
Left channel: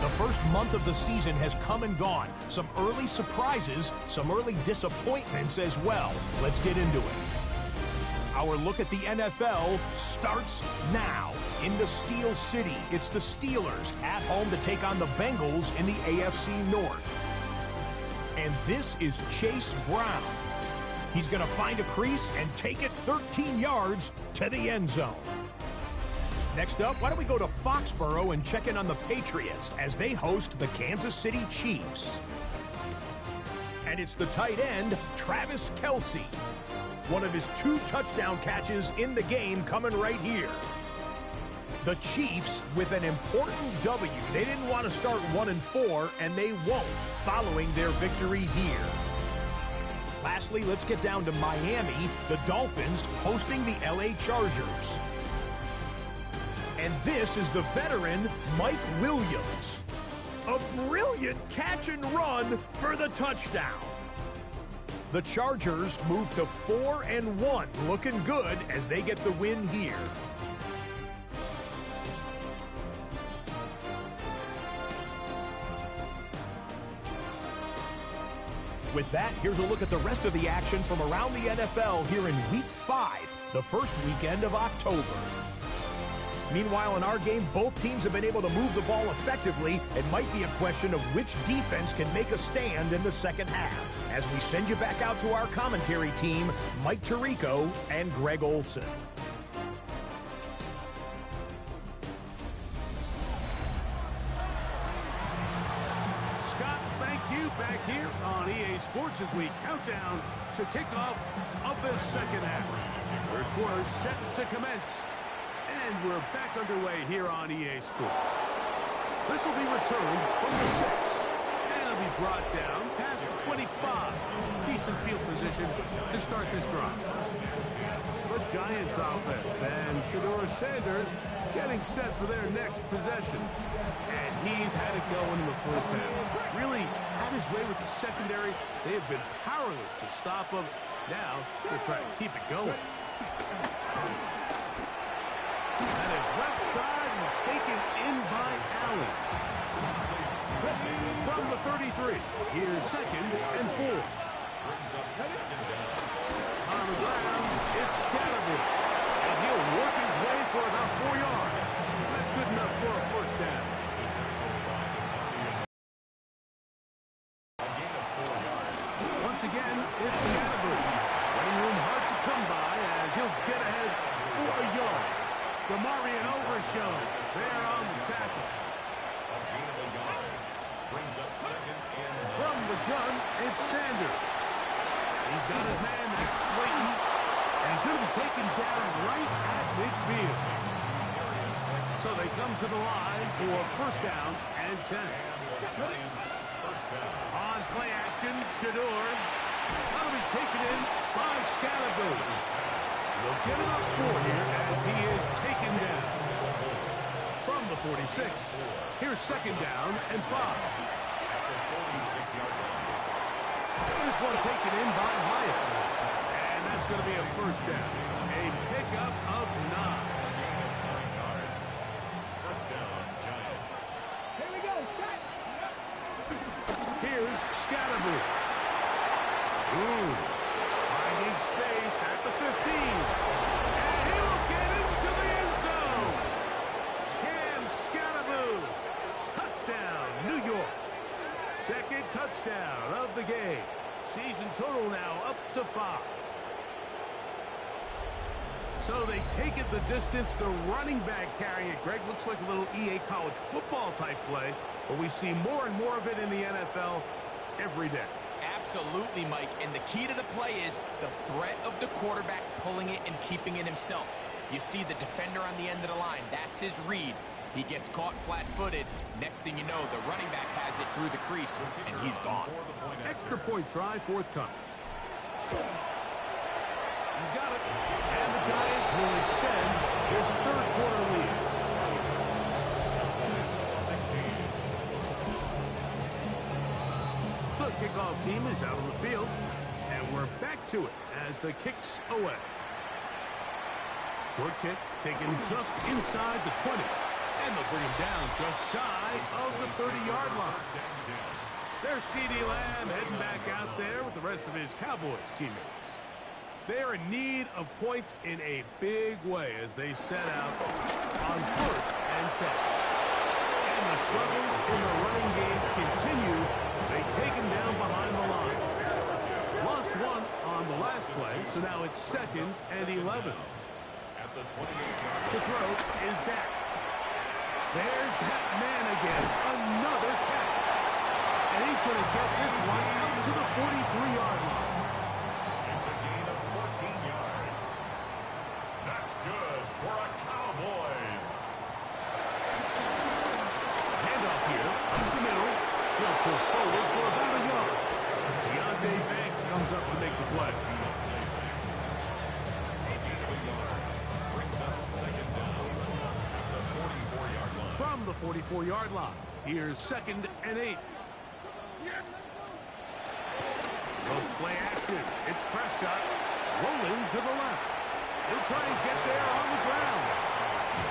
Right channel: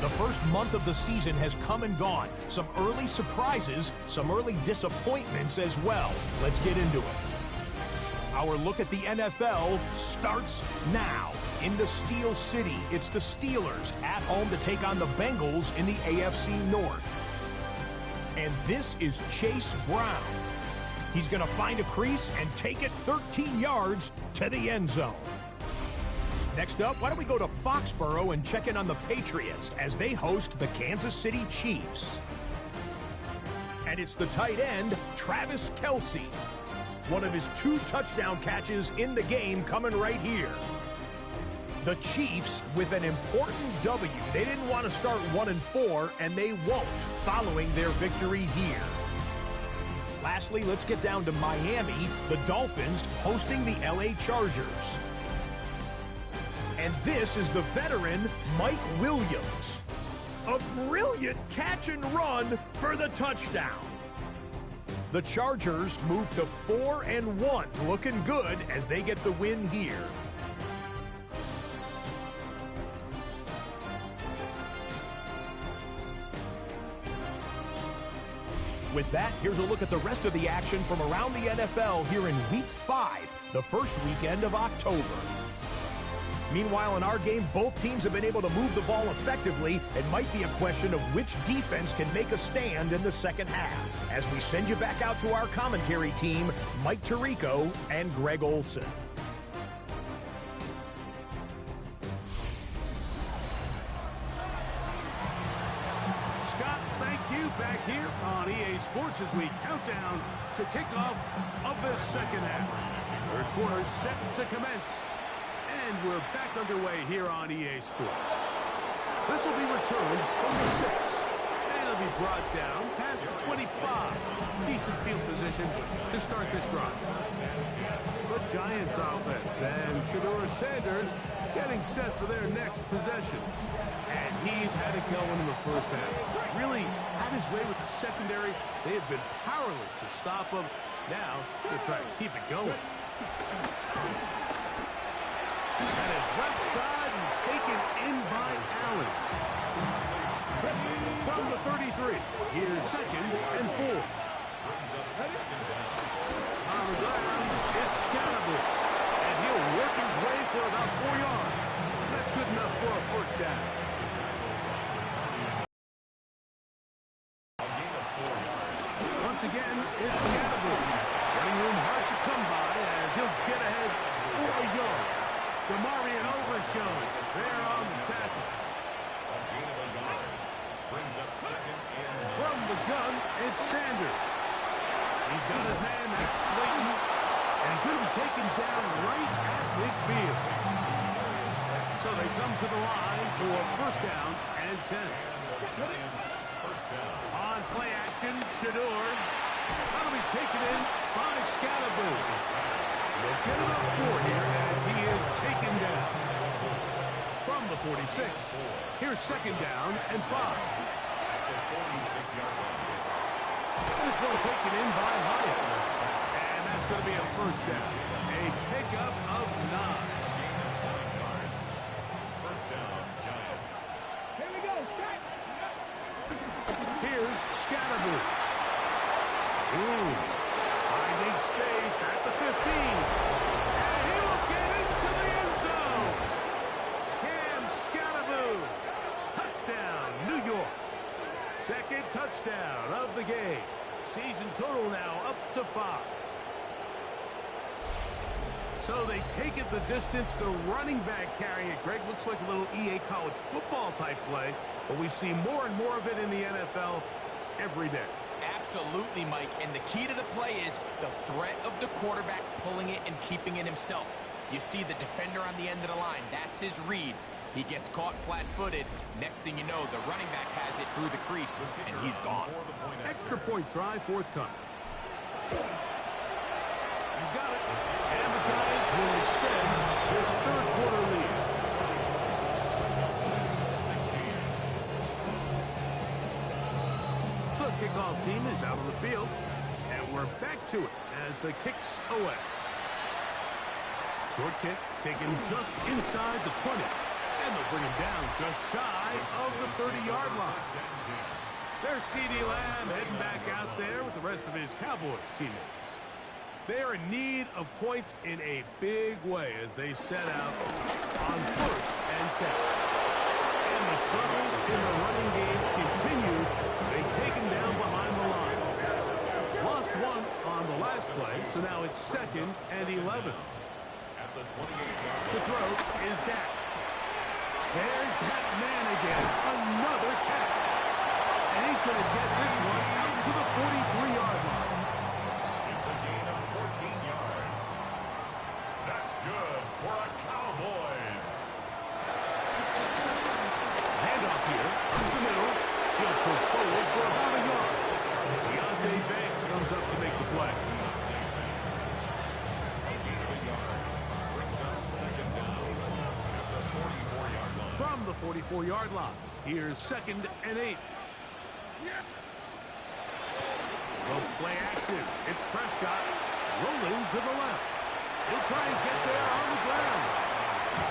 The first month of the season has come and gone. Some early surprises, some early disappointments as well. Let's get into it. Our look at the NFL starts now. In the Steel City, it's the Steelers at home to take on the Bengals in the AFC North. And this is Chase Brown. He's going to find a crease and take it 13 yards to the end zone. Next up, why don't we go to Foxborough and check in on the Patriots as they host the Kansas City Chiefs. And it's the tight end, Travis Kelce. One of his 2 touchdown catches in the game coming right here. The Chiefs with an important W. They didn't want to start 1-4, and they won't following their victory here. Lastly, let's get down to Miami. The Dolphins hosting the LA Chargers. And this is the veteran Mike Williams. A brilliant catch and run for the touchdown. The Chargers move to 4-1, looking good as they get the win here. With that, here's a look at the rest of the action from around the NFL here in Week 5, the first weekend of October. Meanwhile, in our game, both teams have been able to move the ball effectively. It might be a question of which defense can make a stand in the second half. As we send you back out to our commentary team, Mike Tirico and Greg Olson. Scott, thank you. Back here on EA Sports as we count down to kickoff of this second half. Third quarter set to commence. And we're back underway here on EA Sports. This will be returned from the 6. And it'll be brought down past the 25. Decent field position to start this drive. The Giants offense and Shedeur Sanders getting set for their next possession. And he's had it going in the first half. Really had his way with the secondary. They have been powerless to stop him. Now they're trying to keep it going. That is left side and taken in by Allen. From the 33, here's 2nd and 4. On the ground, it's Scatterboot. And he'll work his way for about 4 yards. That's good enough for a first down. Once again, it's Scatterboot. Running room hard to come by as he'll get ahead for a yard. DeMarion Overshown there on the tackle. A gain of a yard. Brings up 2nd and from the gun, it's Sanders. He's got his man, that's Slayton. And he's going to be taken down right at midfield. So they come to the line for first down and 10. first down. On play action, Shedeur. That'll be taken in by Scatterboot. They'll get it up for here as he is taken down. From the 46, here's 2nd down and 5. At the 46-yard line. This one taken in by Hyatt. And that's going to be a first down. A pickup of 9. A gain of 9 yards. Scatterboo. Ooh, finding space at the 15. And he will get into the end zone. Cam Scatterboo. Touchdown, New York. Second touchdown of the game. Season total now up to 5. So they take it the distance. The running back carrying it, Greg, looks like a little EA college football type play, but we see more and more of it in the NFL every day. Absolutely, Mike. And the key to the play is the threat of the quarterback pulling it and keeping it himself. You see the defender on the end of the line. That's his read. He gets caught flat-footed. Next thing you know, the running back has it through the crease, and he's gone. Extra point try forthcoming. He's got it. And the Giants will extend this third quarter lead. 16. The kickoff team is out on the field. And we're back to it as the kick's away. Short kick taken just inside the 20. And they'll bring him down just shy of the 30-yard line. There's C.D. Lamb heading back out there with the rest of his Cowboys teammates. They're in need of points in a big way as they set out on 1st and 10. And the struggles in the running game continue. They take him down behind the line. Lost one on the last play, so now it's 2nd and 11. At the 28-yard To throw is Dak. There's that man again, another catch. And he's going to get this one out to the 43-yard line. It's a gain of 14 yards. That's good for a Cowboys. Handoff here, up the middle. He'll push forward for about a yard. Deontay Banks comes up to make the play. Deontay Banks. A gain of a yard. Brings up 2nd down at the 44-yard line. From the 44-yard line, here's 2nd and 8. The play action. It's Prescott rolling to the left. He'll try and get there on the ground.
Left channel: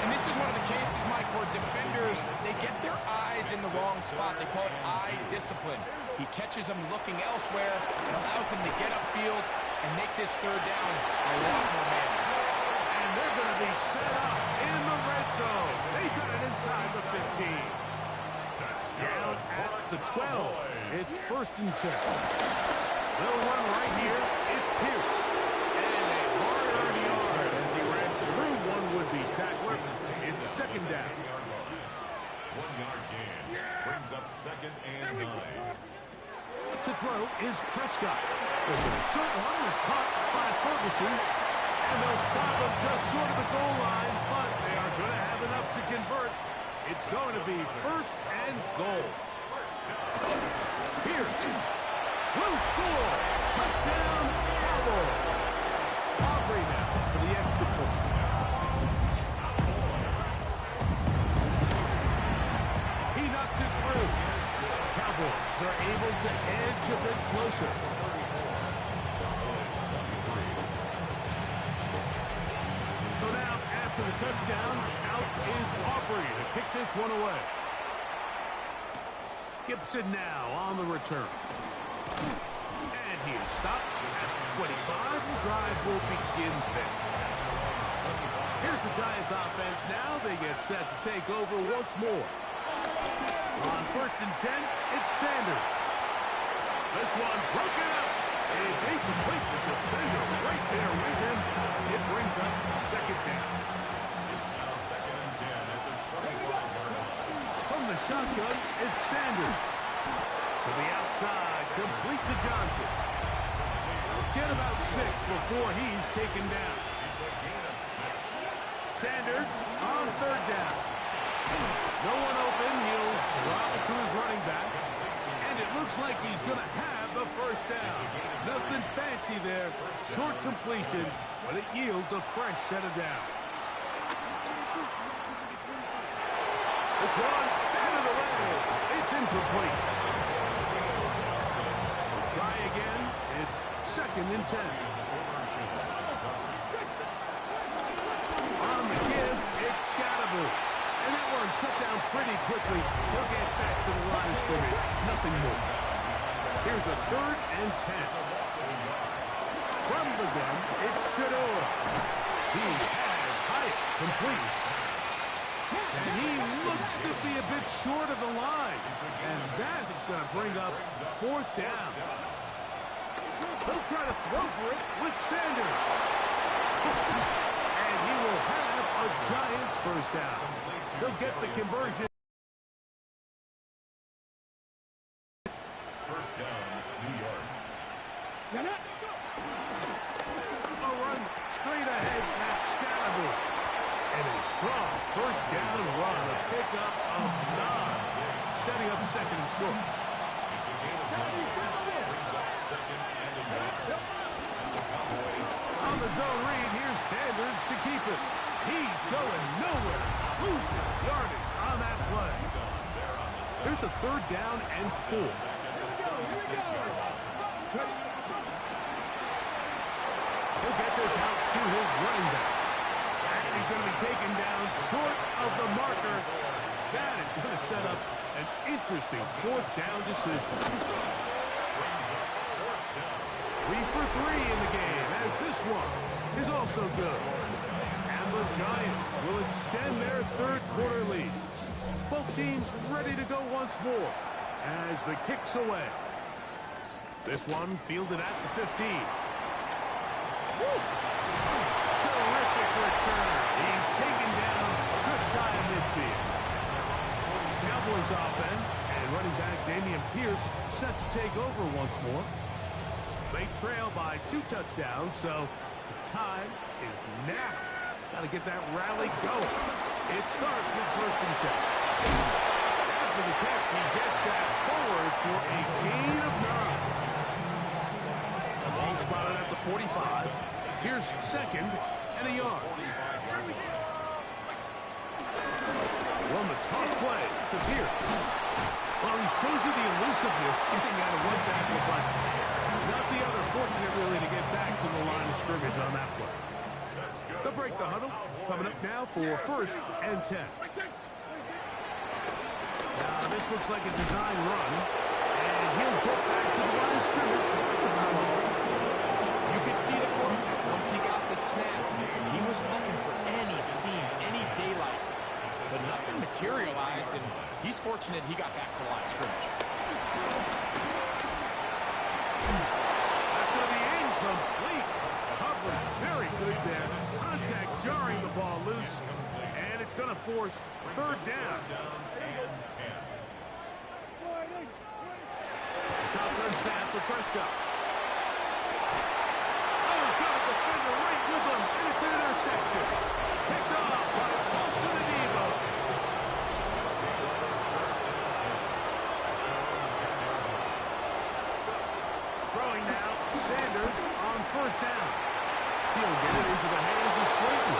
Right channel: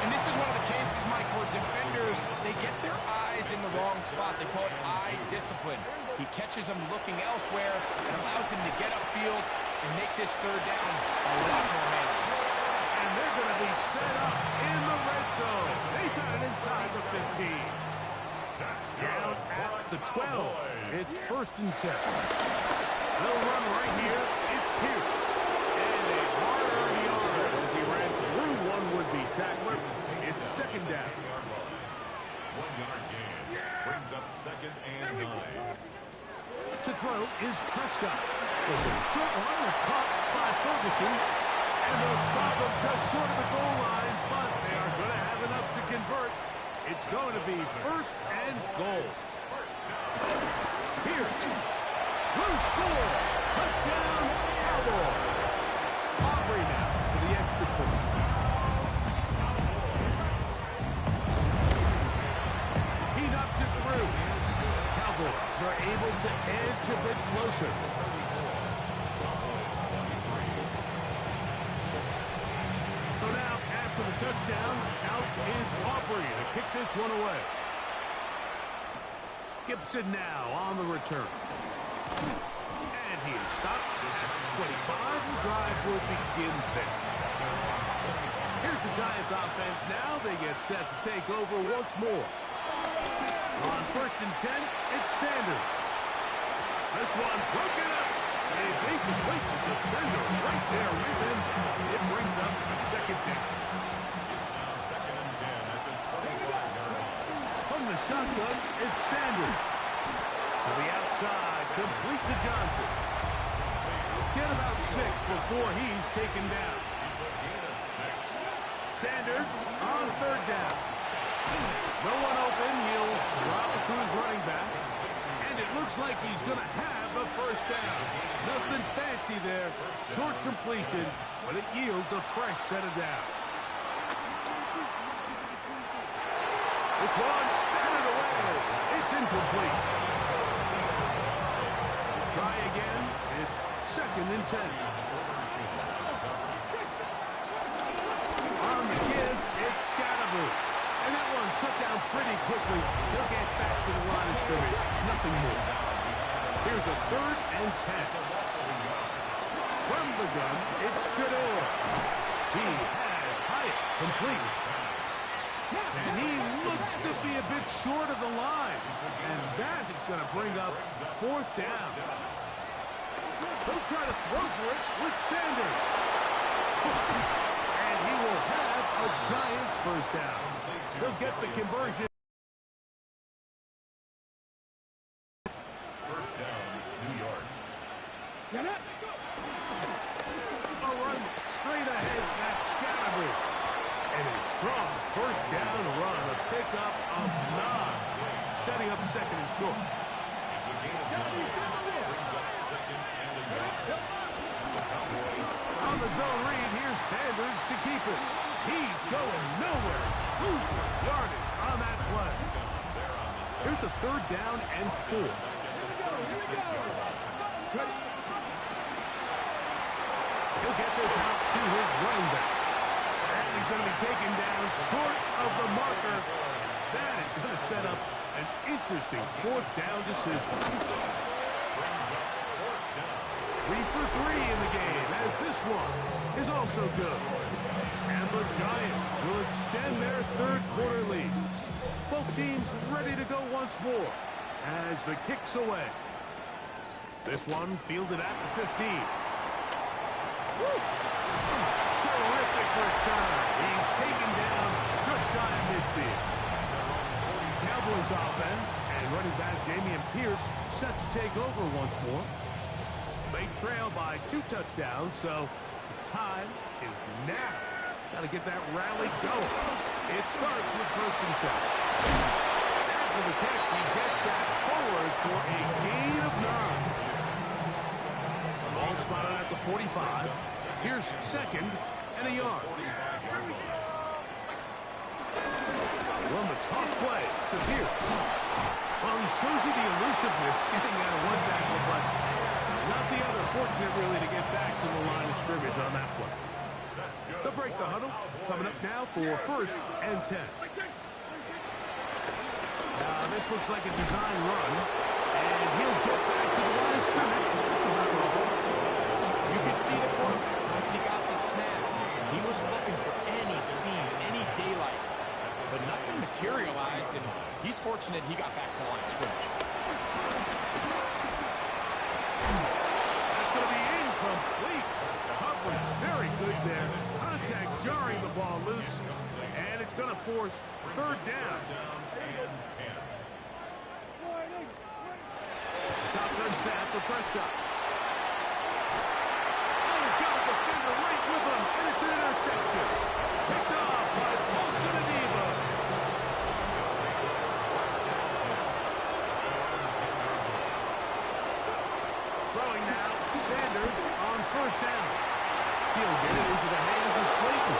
And this is one of the cases, Mike, where defenders, they get their eyes in the wrong spot. They call it eye discipline. He catches them looking elsewhere and allows him to get upfield and make this third down a lot more manageable. And they're going to be set up in the red zone. They've got it inside the 15. That's Down good for at the the 12. Cowboys. It's 1st and 10. They'll run right here. It's Pierce. And a hard-earned yard as he ran through one would-be tackler. It's 2nd down. 10-yard line. 1 yard gain. Brings up 2nd and 9. To throw is Prescott. There's a short one that's caught by Ferguson. And they'll stop him just short of the goal line, but they are going to have enough to convert. It's going to be 1st and goal. Pierce will score. Touchdown, Cowboys. Aubrey now for the extra point. He knocks it through. Cowboys are able to edge a bit closer. So now, after the touchdown, out is Aubrey to kick this one away. Gibson now on the return. And he is stopped at 25. The drive will begin there. Here's the Giants offense now. They get set to take over once more. On 1st and 10, it's Sanders. This one broken up. It's incomplete. The defender right there with him. It brings up 2nd down. It's now 2nd and 10 at the 25-yard line. From the shotgun, it's Sanders. To the outside, complete to Johnson. Get about 6 before he's taken down. It's a gain of 6. Sanders on 3rd down. No one open. He'll drop it to his running back. And it looks like he's going to have a 1st down. Nothing fancy there. Short completion, but it yields a fresh set of downs. This one, batted away. It's incomplete. We'll try again. It's 2nd and 10. On the give, it's Scatterboo. And that one shut down pretty quickly. He'll get back to the line of scrimmage. Nothing more. Here's a 3rd and 10. From the gun, it's Shador. He has Hyatt complete. And he looks to be a bit short of the line. And that is going to bring up 4th down. He'll try to throw for it with Sanders. And he will have a Giants 1st down. They'll get the conversion. 1st down, New York. A run straight ahead. That's Scalaboo. And a strong 1st down run. A pickup of 9. Setting up 2nd and short. It's a gain of 9. Brings up 2nd and a yard. And the Cowboys On the zone read, here's Sanders to keep it. He's going nowhere. Losing yardage on that play. Here's a 3rd down and 4. He'll get this out to his running back. And he's going to be taken down short of the marker. That is going to set up an interesting 4th down decision. 3 for 3 in the game, as this one is also good. And the Giants will extend their 3rd quarter lead. Both teams ready to go once more as the kick's away. This one fielded at the 15. Woo! Terrific return. He's taken down just shy of midfield. Cowboys offense and running back Dameon Pierce set to take over once more. They trail by 2 touchdowns, so the time is now. Got to get that rally going. It starts with 1st and 10. After the catch, he gets that forward for a gain of 9. Ball spotted at the 45. Here's 2nd and a yard. Run the toss play to Pierce. Well, he shows you the elusiveness getting out of one tackle, but not the other. Fortunate, really, to get back to the line of scrimmage on that play. They'll break the huddle. Coming up now for 1st and 10. Now, this looks like a design run, and he'll get back to the line of scrimmage. That's about all. You could see the quarterback once he got the snap. He was looking for any seam, any daylight, but nothing materialized, and he's fortunate he got back to the line of scrimmage. That's going to be incomplete. Coverage very good there. Contact jarring the ball loose, and it's going to force 3rd down. Shotgun snap for Prescott. Oh, he's got a defender right with him, and it's an interception. Picked off by Wilson Adebo. Throwing now, Sanders on 1st down. He'll get it into the hands of Slayton.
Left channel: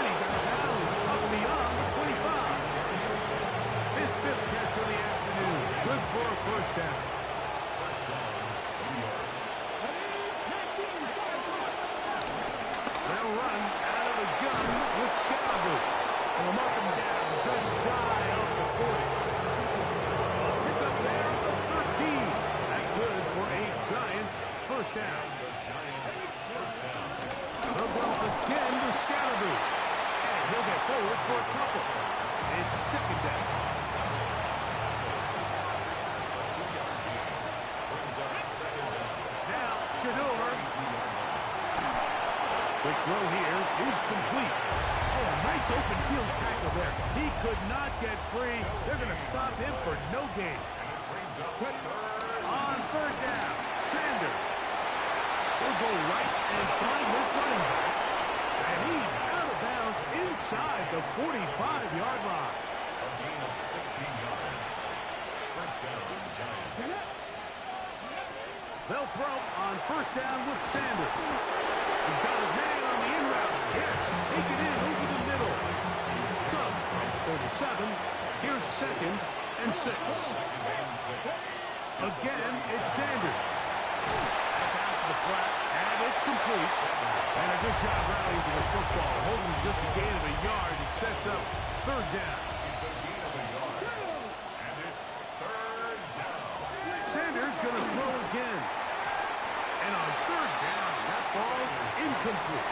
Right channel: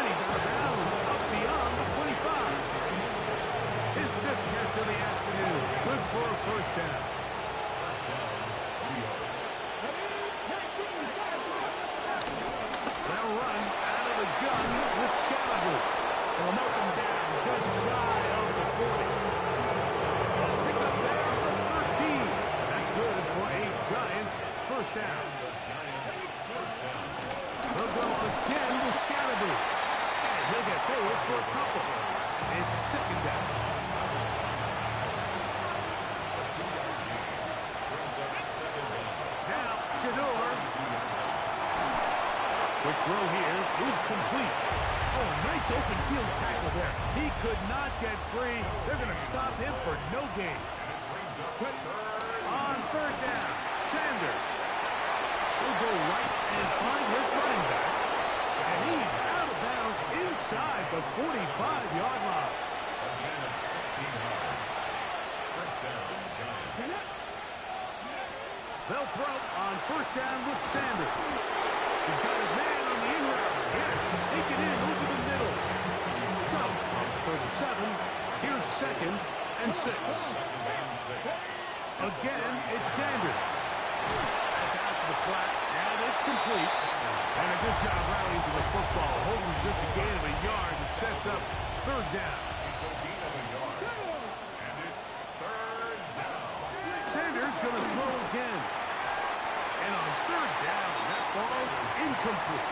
And he's out of bounds, up beyond the 25. His 5th catch of the afternoon. Good for a 1st down. They'll run out of the gun with Scalaboo. And we'll mark him down just shy of the 40. Pick up there of 13. That's good for a Giants 1st down. They'll go again with Scalaboo. And he'll get forward for a couple. It's 2nd down. Now, Shador. Quick throw here is complete. Oh, nice open field tackle there. He could not get free. They're going to stop him for no gain. On 3rd down, Sanders. He'll go right and find his running back. And he's out of bounds inside the 45-yard line. A gain of 16 yards. 1st down, Giants. They'll throw on 1st down with Sanders. He's got his man on the in route. Yes, take it in over the middle. So, from 37, here's 2nd and 6. Again, it's Sanders. That's out to the flat, and it's complete. And a good job rallying to the football, holding just a gain of a yard. It sets up 3rd down. It's a gain of a yard. And it's 3rd down. Sanders going to throw again. And on third down, that ball incomplete.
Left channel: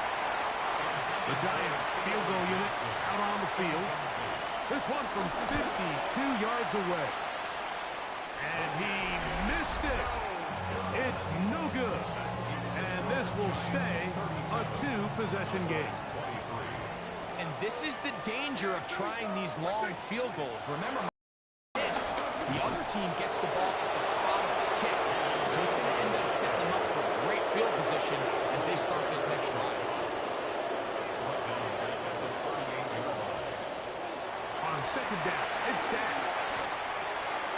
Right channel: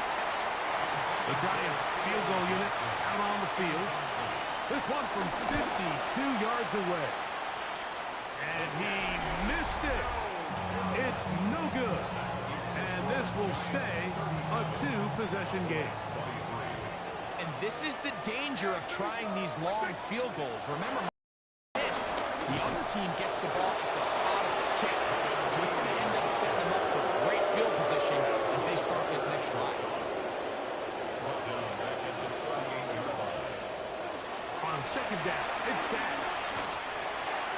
The Giants field goal unit out on the field. This one from 52 yards away. And he missed it. It's no good. And this will stay a two-possession game. And this is the danger of trying these long field goals. Remember, the other team gets the ball at the spot of the kick. So it's going to end up setting them up for great field position as they start this next drive. On second down, it's Dak.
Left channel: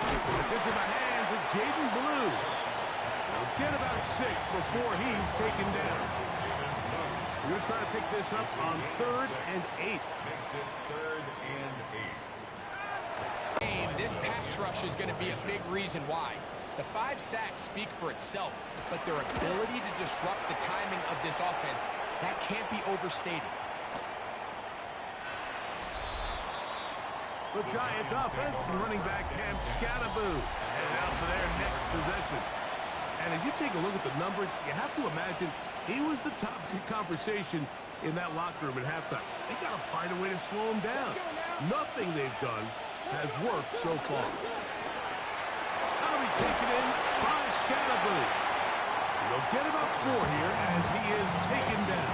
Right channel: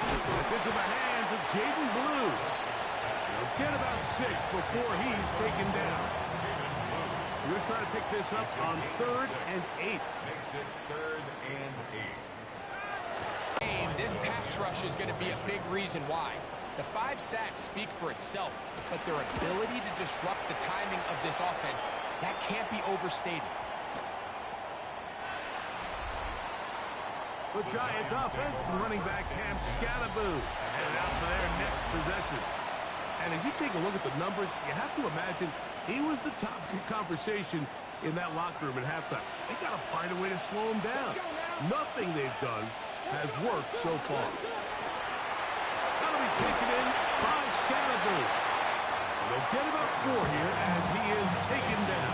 It's into the hands of Jaden Blue. He'll get about 6 before he's taken down. We're going to try to pick this up on 3rd and 8. Makes it 3rd and 8. This pass rush is going to be a big reason why. The 5 sacks speak for itself, but their ability to disrupt the timing of this offense, that can't be overstated. The Giants offense and running back Cam Scattaboo headed out for their next possession. And as you take a look at the numbers, you have to imagine he was the top conversation in that locker room at halftime. They got to find a way to slow him down. Nothing they've done has worked so far. That'll be taken in by Scattaboo. They'll get about 4 here as he is taken down.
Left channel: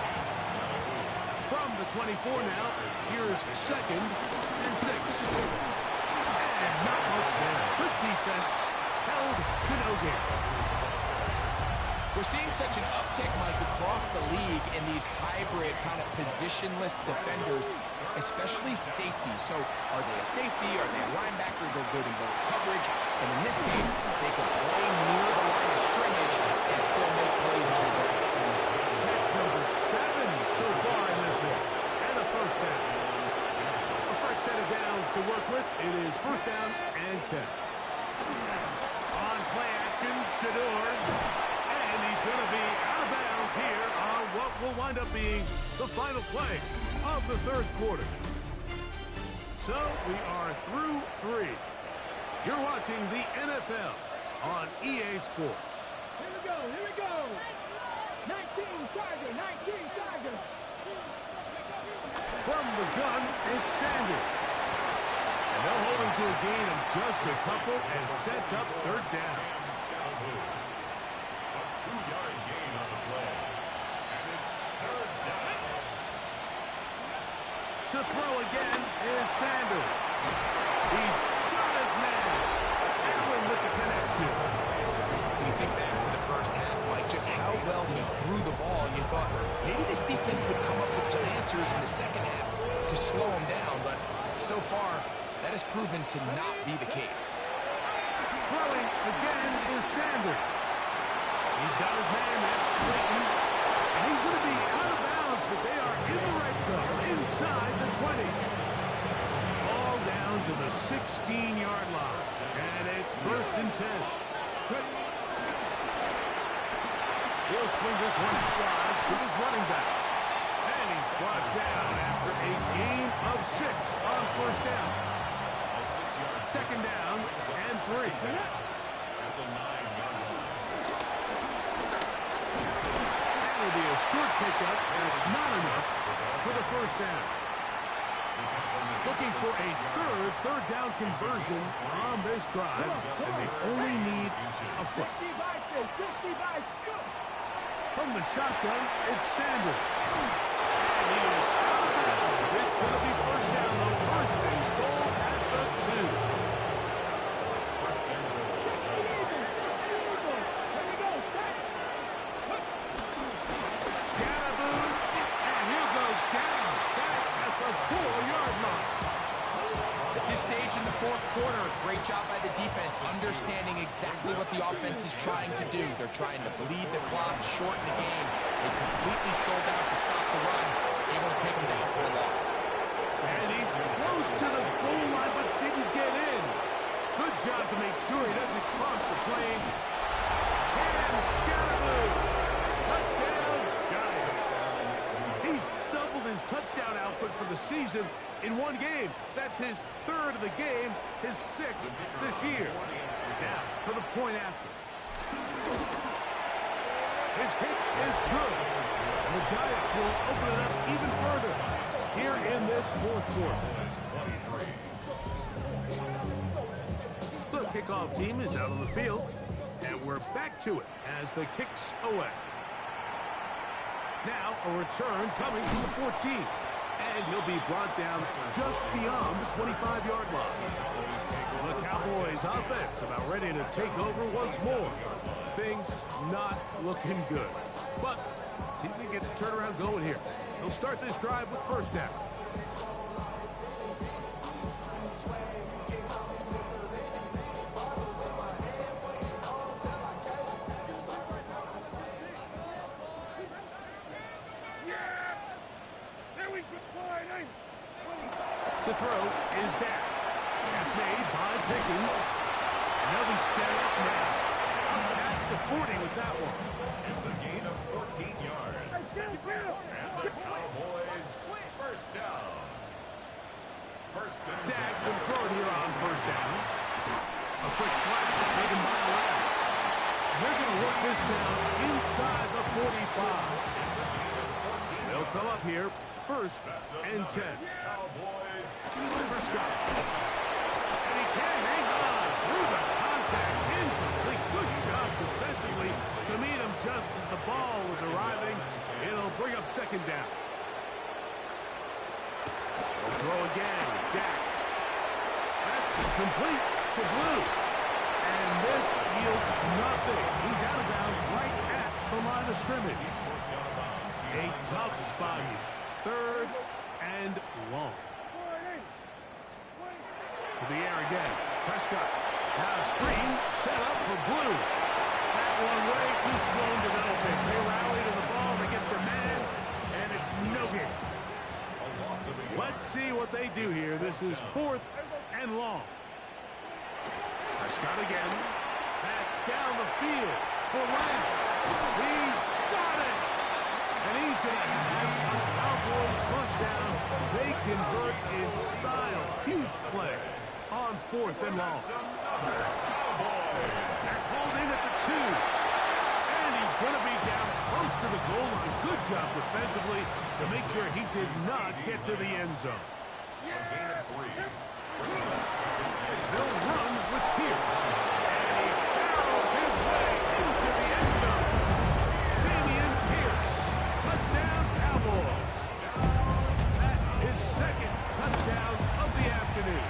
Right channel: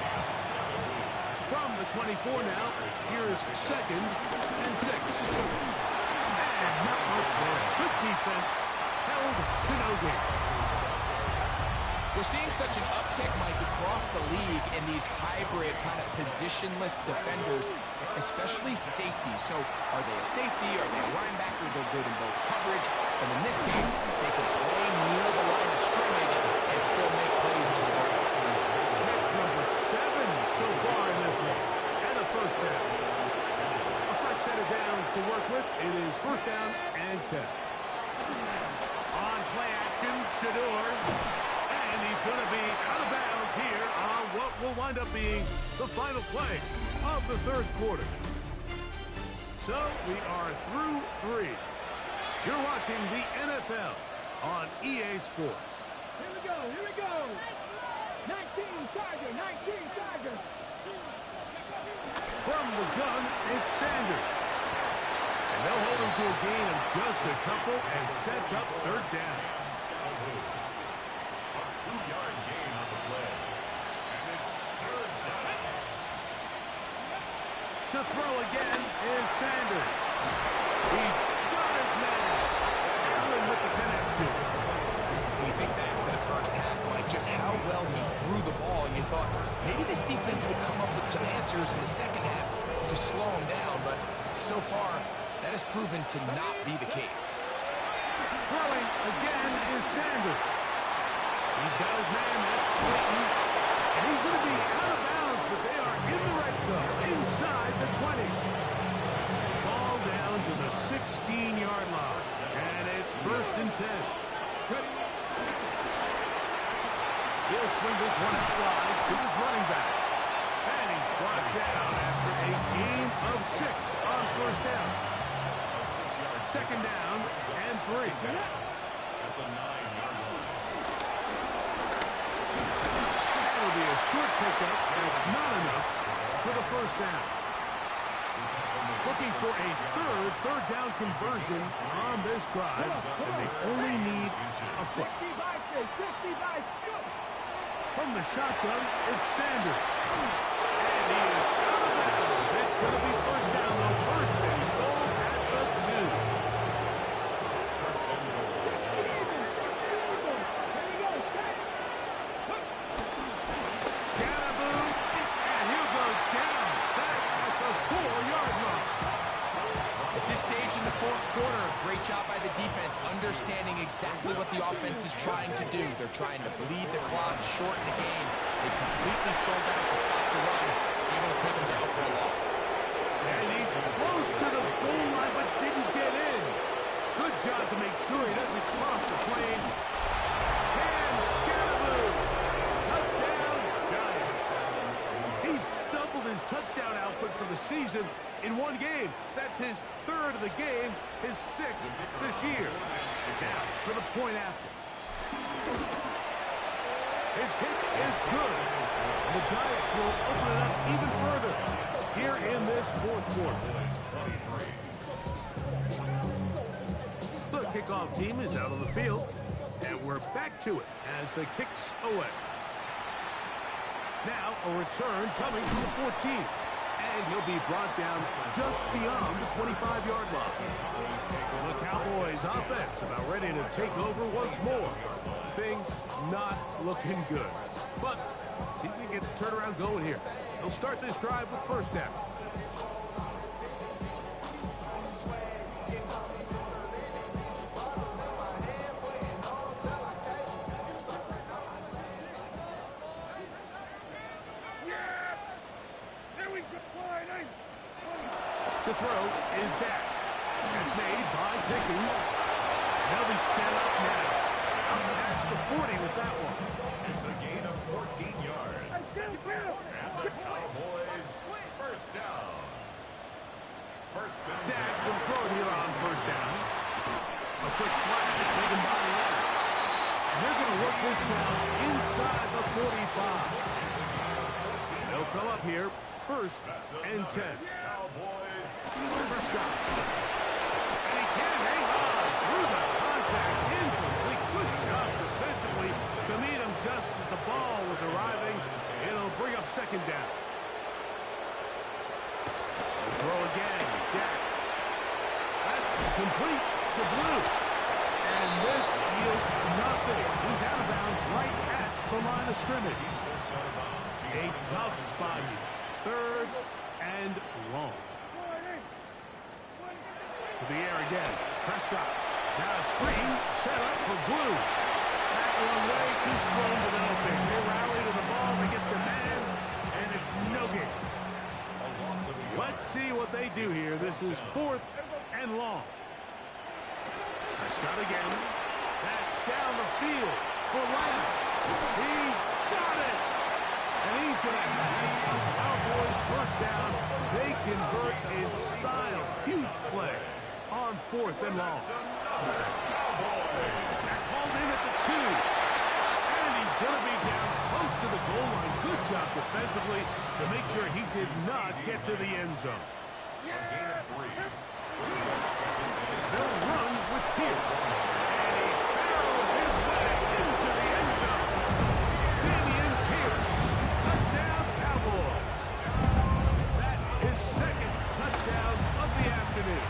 From the 24 now, here's 2nd and 6. And not much there. Good defense, held to no gain. We're seeing such an uptick, Mike, across the league in these hybrid kind of positionless defenders, especially safety. So are they a safety? Are they a linebacker? They're good in both coverage. And in this case, they can play near the line of scrimmage and still make plays on the ground. That's number 7 so far in this one. And a first down. A fresh set of downs to work with. It is 1st down and 10. On play action, Shador. And he's going to be out of bounds here on what will wind up being the final play of the 3rd quarter. So we are through 3. You're watching the NFL on EA Sports. Here we go, here we go. 19 Tiger, 19 Tiger. From the gun, it's Sanders. And they'll hold him to a gain of just a couple and sets up 3rd down. A 2-yard gain on the play. And it's 3rd down. To throw again is Sanders. He's got his man. Allen with the connection. When you think back to the first half, Mike, just how well he threw the ball, and you thought maybe this defense would come up with some answers in the second half to slow him down, but so far, that has proven to not be the case. Throwing again is Sanders. He's got his man, that's Slayton. And he's going to be out of bounds, but they are in the right zone, inside the 20. Ball down to the 16-yard line. And it's 1st and 10. He'll swing this one out wide to his running back. And he's brought down after a gain of 6 on 1st down. 2nd down and 3. At the 9-yard line. That'll be a short pickup, and it's not enough for the 1st down. Looking for a third down conversion on this drive, and they only need a foot. From the shotgun, it's Sanders. And he is out of bounds. It's going to be 1st down, though. 1st and goal at the 2. 1st and goal. Scattaboo, and he'll go down back at the 4-yard line. At this stage in the 4th quarter, great job by the defense, understanding exactly what the offense is trying to do. They're trying to bleed the clock, shorten the game. They completely sold out to stop the run, able to take them down for a loss. And he's close to the goal line, but didn't get in. Good job to make sure he doesn't cross the plane. And Scattaboo. Touchdown, Giants. He's doubled his touchdown output for the season in one game. That's his third of the game, his sixth this year. Now, for the point after. His kick is good. And the Giants will open it up even further here in this fourth quarter. The kickoff team is out on the field, and we're back to it as the kick's away. Now a return coming from the 14, and he'll be brought down just beyond the 25-yard line. The Cowboys offense about ready to take over once more. Things not looking good, but see if they get the turnaround going here. They'll start this drive with first down. To throw is Dak. That's made by Pickens. And they'll be set up now. Up past the 40 with that one. It's a gain of 14 yards. And the Cowboys first down. First and 10. Dak will throw it here on first down. A quick slash taken by Lamb. They're going to work this down inside the 45. They'll come up here. First and 10. Cowboys. Scott. And he can hang on through the contact. Incomplete. Good job defensively to meet him just as the ball was arriving. It'll bring up second down. They'll throw again. Dak. That's complete to Blue. And this yields nothing. He's out of bounds right at the line of scrimmage. He's forced out of bounds. A tough spot here. Third and long. To the air again. Prescott. Now a screen set up for Blue. That one way too slow developing. They rally to the ball. They get the man, and it's no gain. Let's see what they do here. This is fourth and long. Prescott again. Back down the field for Lamb. He's got it. And he's going to have the Cowboys first down. They convert in style. Huge play on fourth and long. That's hauled in at the 2. And he's going to be down close to the goal line. Good job defensively to make sure he did not get to the end zone. Bill runs with Pierce. And he barrels his way into the end zone. Damian Pierce. Touchdown, Cowboys. That is second touchdown of the afternoon.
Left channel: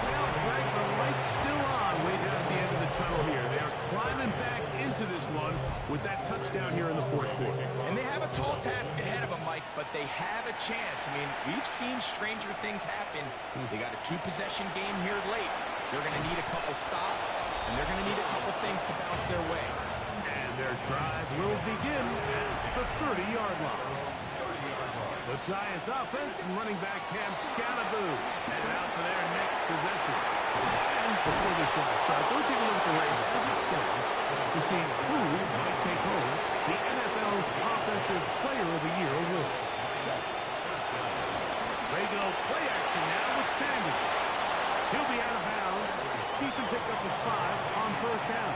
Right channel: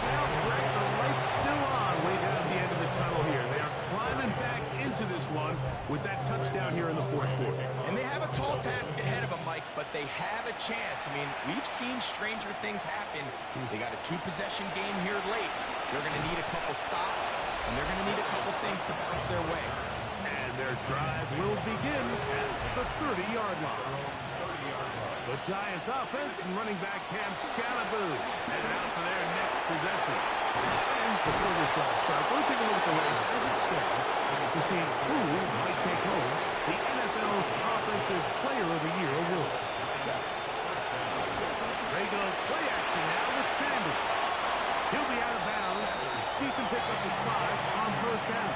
Well, Greg, the light's still on way down at the end of the tunnel here. They are climbing back into this one with that touchdown here in the fourth quarter. And they have a tall task ahead of them, Mike, but they have a chance. I mean, we've seen stranger things happen. They got a 2-possession game here late. They're going to need a couple stops, and they're going to need a couple things to bounce their way. And their drive will begin at the 30-yard line. The Giants offense and running back Cam Scalaboo headed out for their next possession. And before this drive starts, we'll take a look at the race as it stands to see who might take home the NFL's Offensive Player of the Year award. They go play action now with Sanders. He'll be out of bounds. Decent pickup with 5 on first down.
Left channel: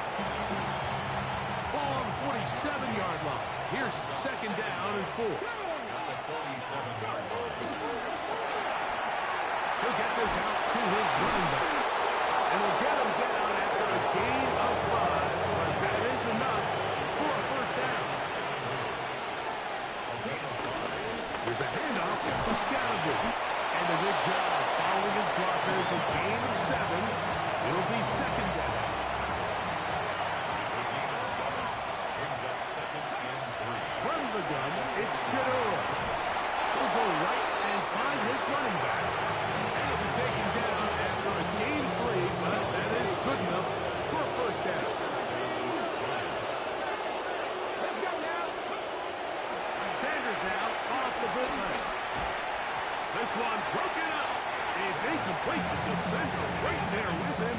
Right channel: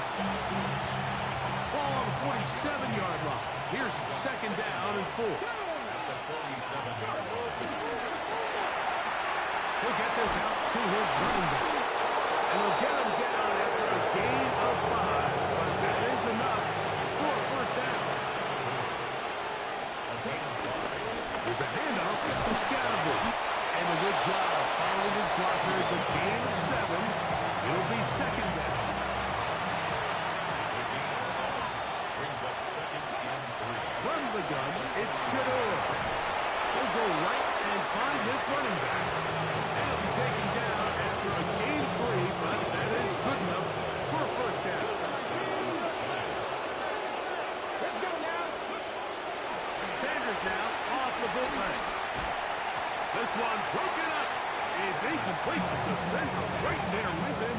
Ball on the 47-yard line. Here's second down and 4. He'll get this out to his running back. And he'll get him down after a gain of 5, but that is enough for a first down. There's a handoff to Scalaboo. And a good job following his blockers. A gain of 7. It'll be second down. From the gun, it's Shador. He'll go right and find his running back. And he'll be taken down after a gain of 3, but that is good enough for a first down. Let's go now. Sanders now off the bootleg. This one broken up. It's incomplete. The defender right there with him.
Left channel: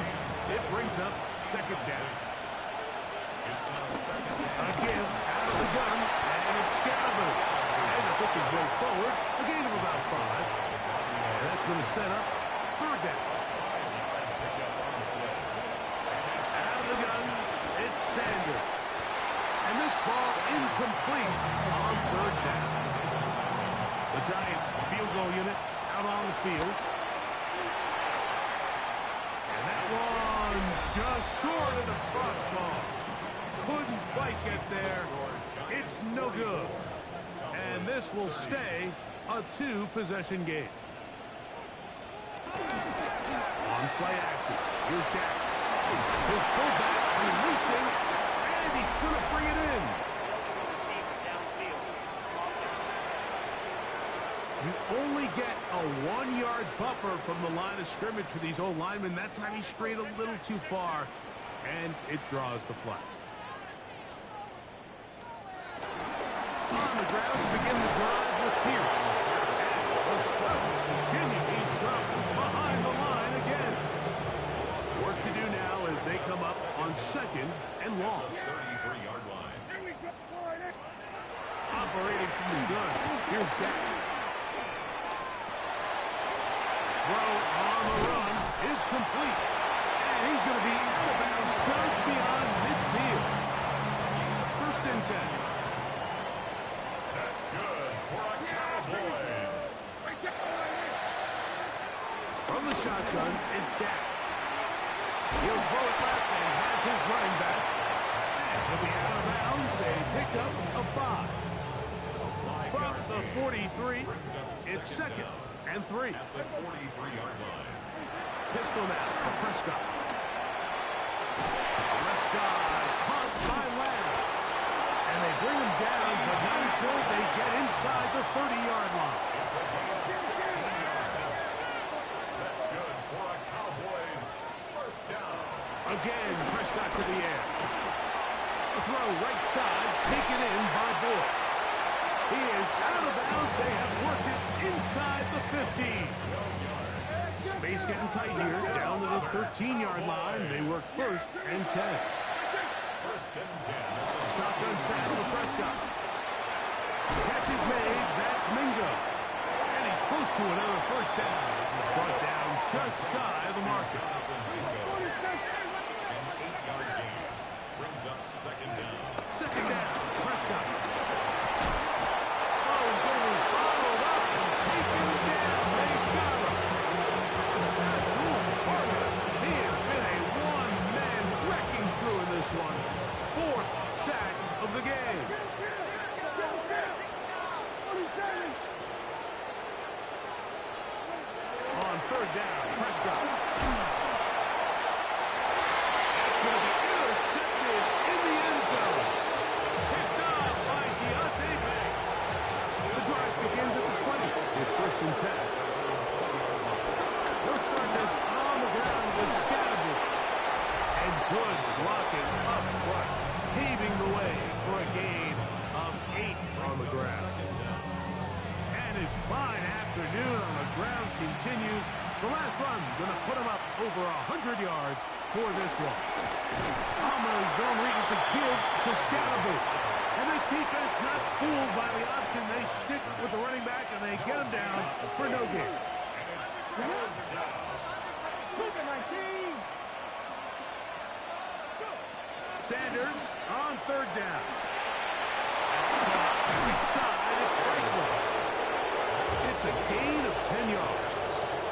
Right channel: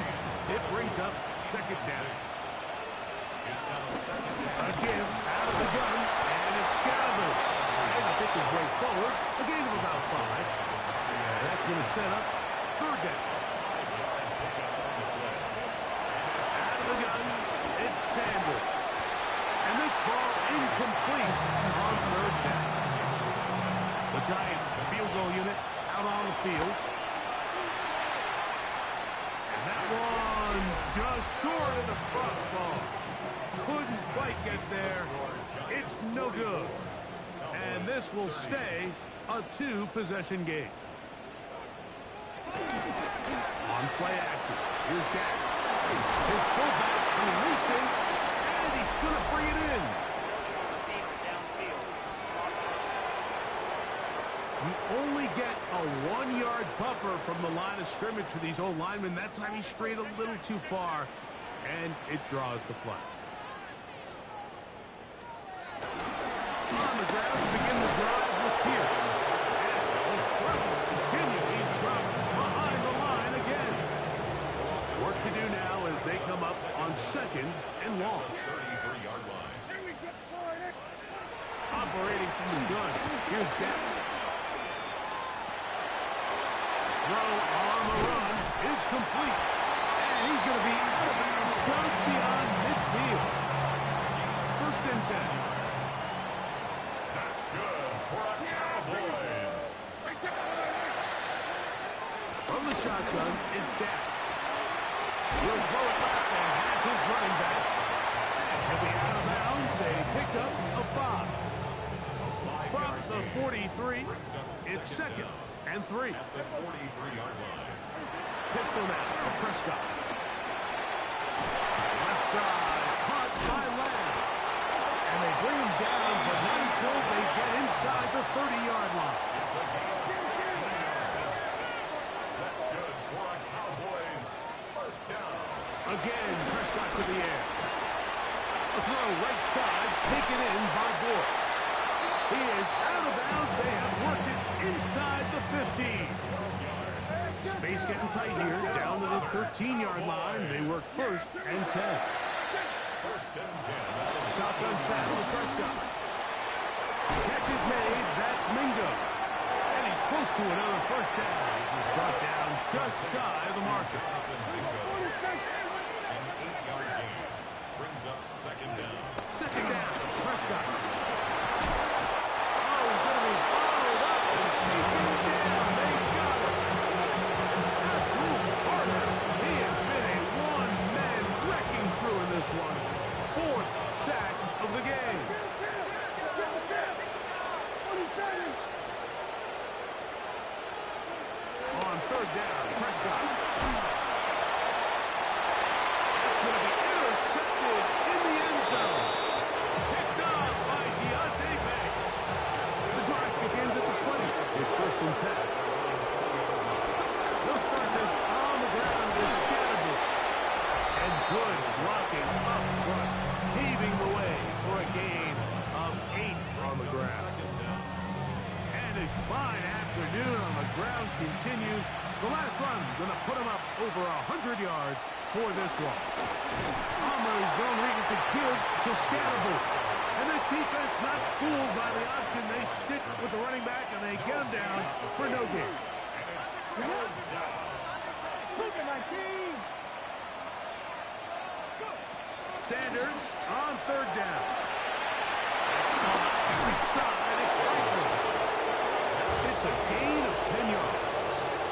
It brings up second down. A give out of the gun, and it's Scalaboo. And to pick his way forward, a gain of about 5. And that's going to set up third down. Out of the gun, it's Sanders. And this ball incomplete on third down. The Giants field goal unit out on the field. And that one just short of the crossbar. Couldn't quite get there. It's no good. And this will stay a 2-possession game. On play action, here's Dak. His fullback releasing, and he's going to bring it in. You only get a 1-yard buffer from the line of scrimmage for these old linemen. That time he strayed a little too far, and it draws the flag. On the ground to begin the drive with Pierce. And the struggles continue. He's dropped behind the line again. Work to do now as they come up on second and long. 33-yard line. Operating from the gun. Here's Dak. Throw on the run is complete. And he's going to be out of bounds just beyond midfield. First and 10. That's good for a Cowboys. From the shotgun, it's Dak. He'll throw it left and has his running back. And he'll be out of bounds, a pickup of 5. From the 43, it's second and 3. At the 43-yard line. Pistol now for Prescott. Left side, caught by Lamb. And they bring him down, but not until they get inside the 30-yard line. It's a gain of 16 yards. That's good for a Cowboys first down. Again, Prescott to the air. A throw right side, taken in by Boyd. He is out of bounds. They have worked it inside the 15. Space getting tight here, down to the 13-yard line. They work first and 10. First and 10. Shotgun snap for Prescott. Catch is made. That's Mingo. And he's close to another first down. This is brought down just shy of the marker. An 8-yard gain brings up second down. Second down, Prescott. Oh, he's going to be bottled up and taken down. They got him. Abdul Carter. He has been a one-man wrecking crew in this one. 4th sack of the game. On third down, Prescott. That's going to be intercepted in the end zone. Picked off by Deontay Banks. The drive begins at the 20. It's first and 10. They'll start this on the ground with Scalaboo. And good blocking up front, paving the way for a gain of 8 on the ground. And his fine afternoon on the ground continues. The last run going to put him up over 100 yards for this one. On the zone read, it's a give to Scalaboo. And this defense not fooled by the option. They stick with the running back and they get him down for no gain. And it's third down. Sanders on third down. That's caught. Right side, it's Franklin. It's a gain of 10 yards.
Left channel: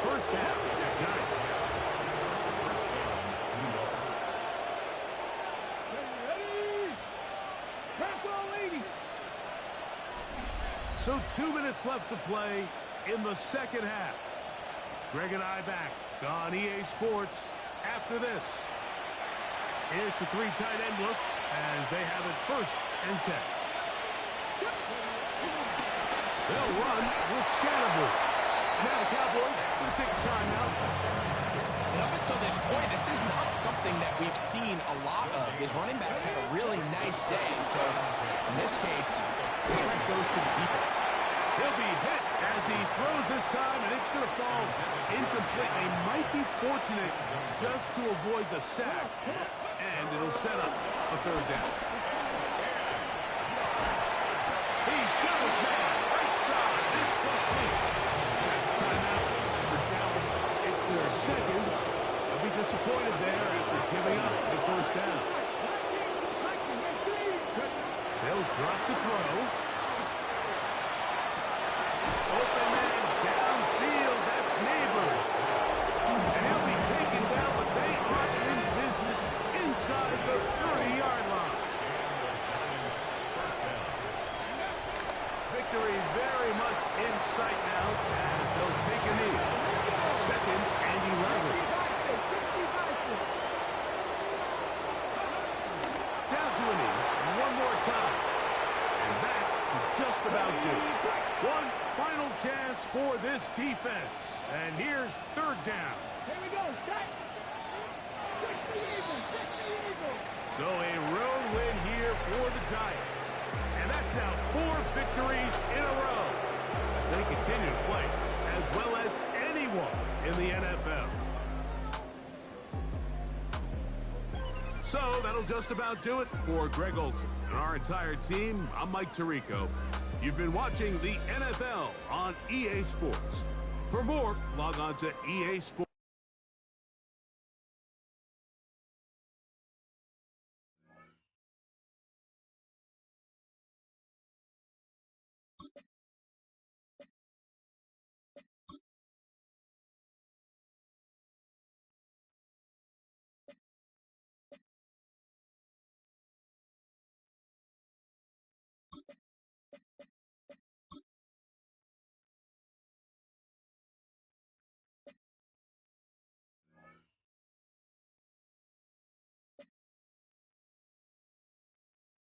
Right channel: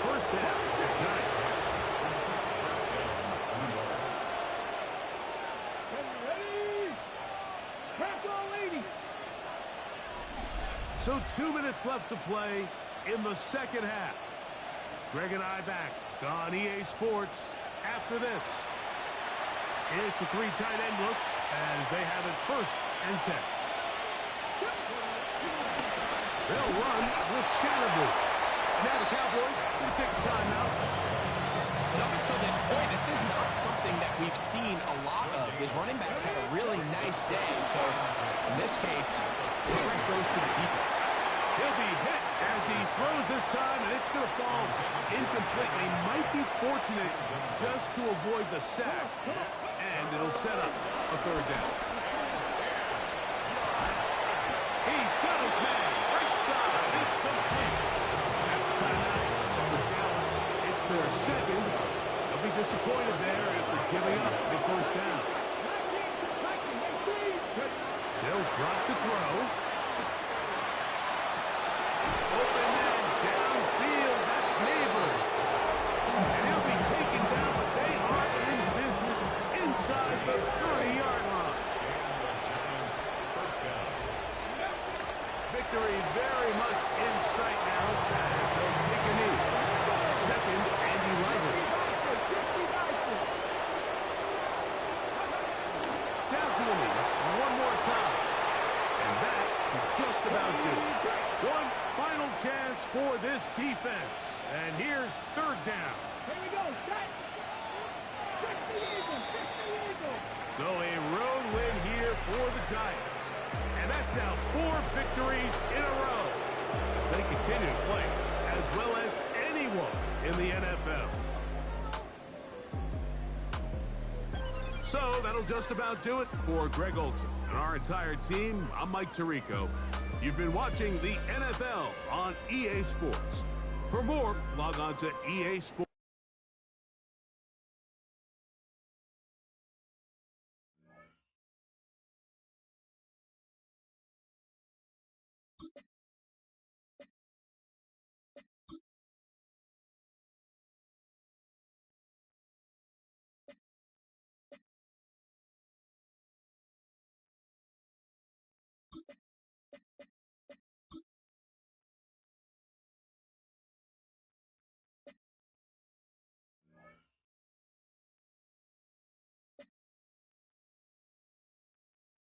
First down, Giants. First down, New York. So 2 minutes left to play in the second half. Greg and I back on EA Sports after this. It's a 3 tight end look as they have it first and 10. They'll run with Scalaboo. Now the Cowboys going to take a timeout. And up until this point, this is not something that we've seen a lot of. His running backs had a really nice day. So in this case, this right goes to the defense. He'll be hit as he throws this time, and it's going to fall incomplete. They might be fortunate just to avoid the sack, and it'll set up a third down. He's got his man. Right side. It's complete. That's a timeout for Dallas. It's their second. They'll be disappointed there after giving up the first down. They'll drop to throw. Open man downfield. That's Neighbors. And he'll be taken down, but they are in business inside the 30-yard line. And the Giants first down. Victory very much in sight now as they'll take a knee. Second and 11. Down to a knee. One more time. And that should just about do it. One final chance for this defense. And here's third down. Here we go. Set. Fix the Eagles. Fix the Eagles. So a road win here for the Giants. And that's now 4 victories in a row as they continue to play as well as anyone in the NFL. So that'll just about do it for Greg Olson and our entire team. I'm Mike Tirico. You've been watching the NFL on EA Sports. For more, log on to EA Sports.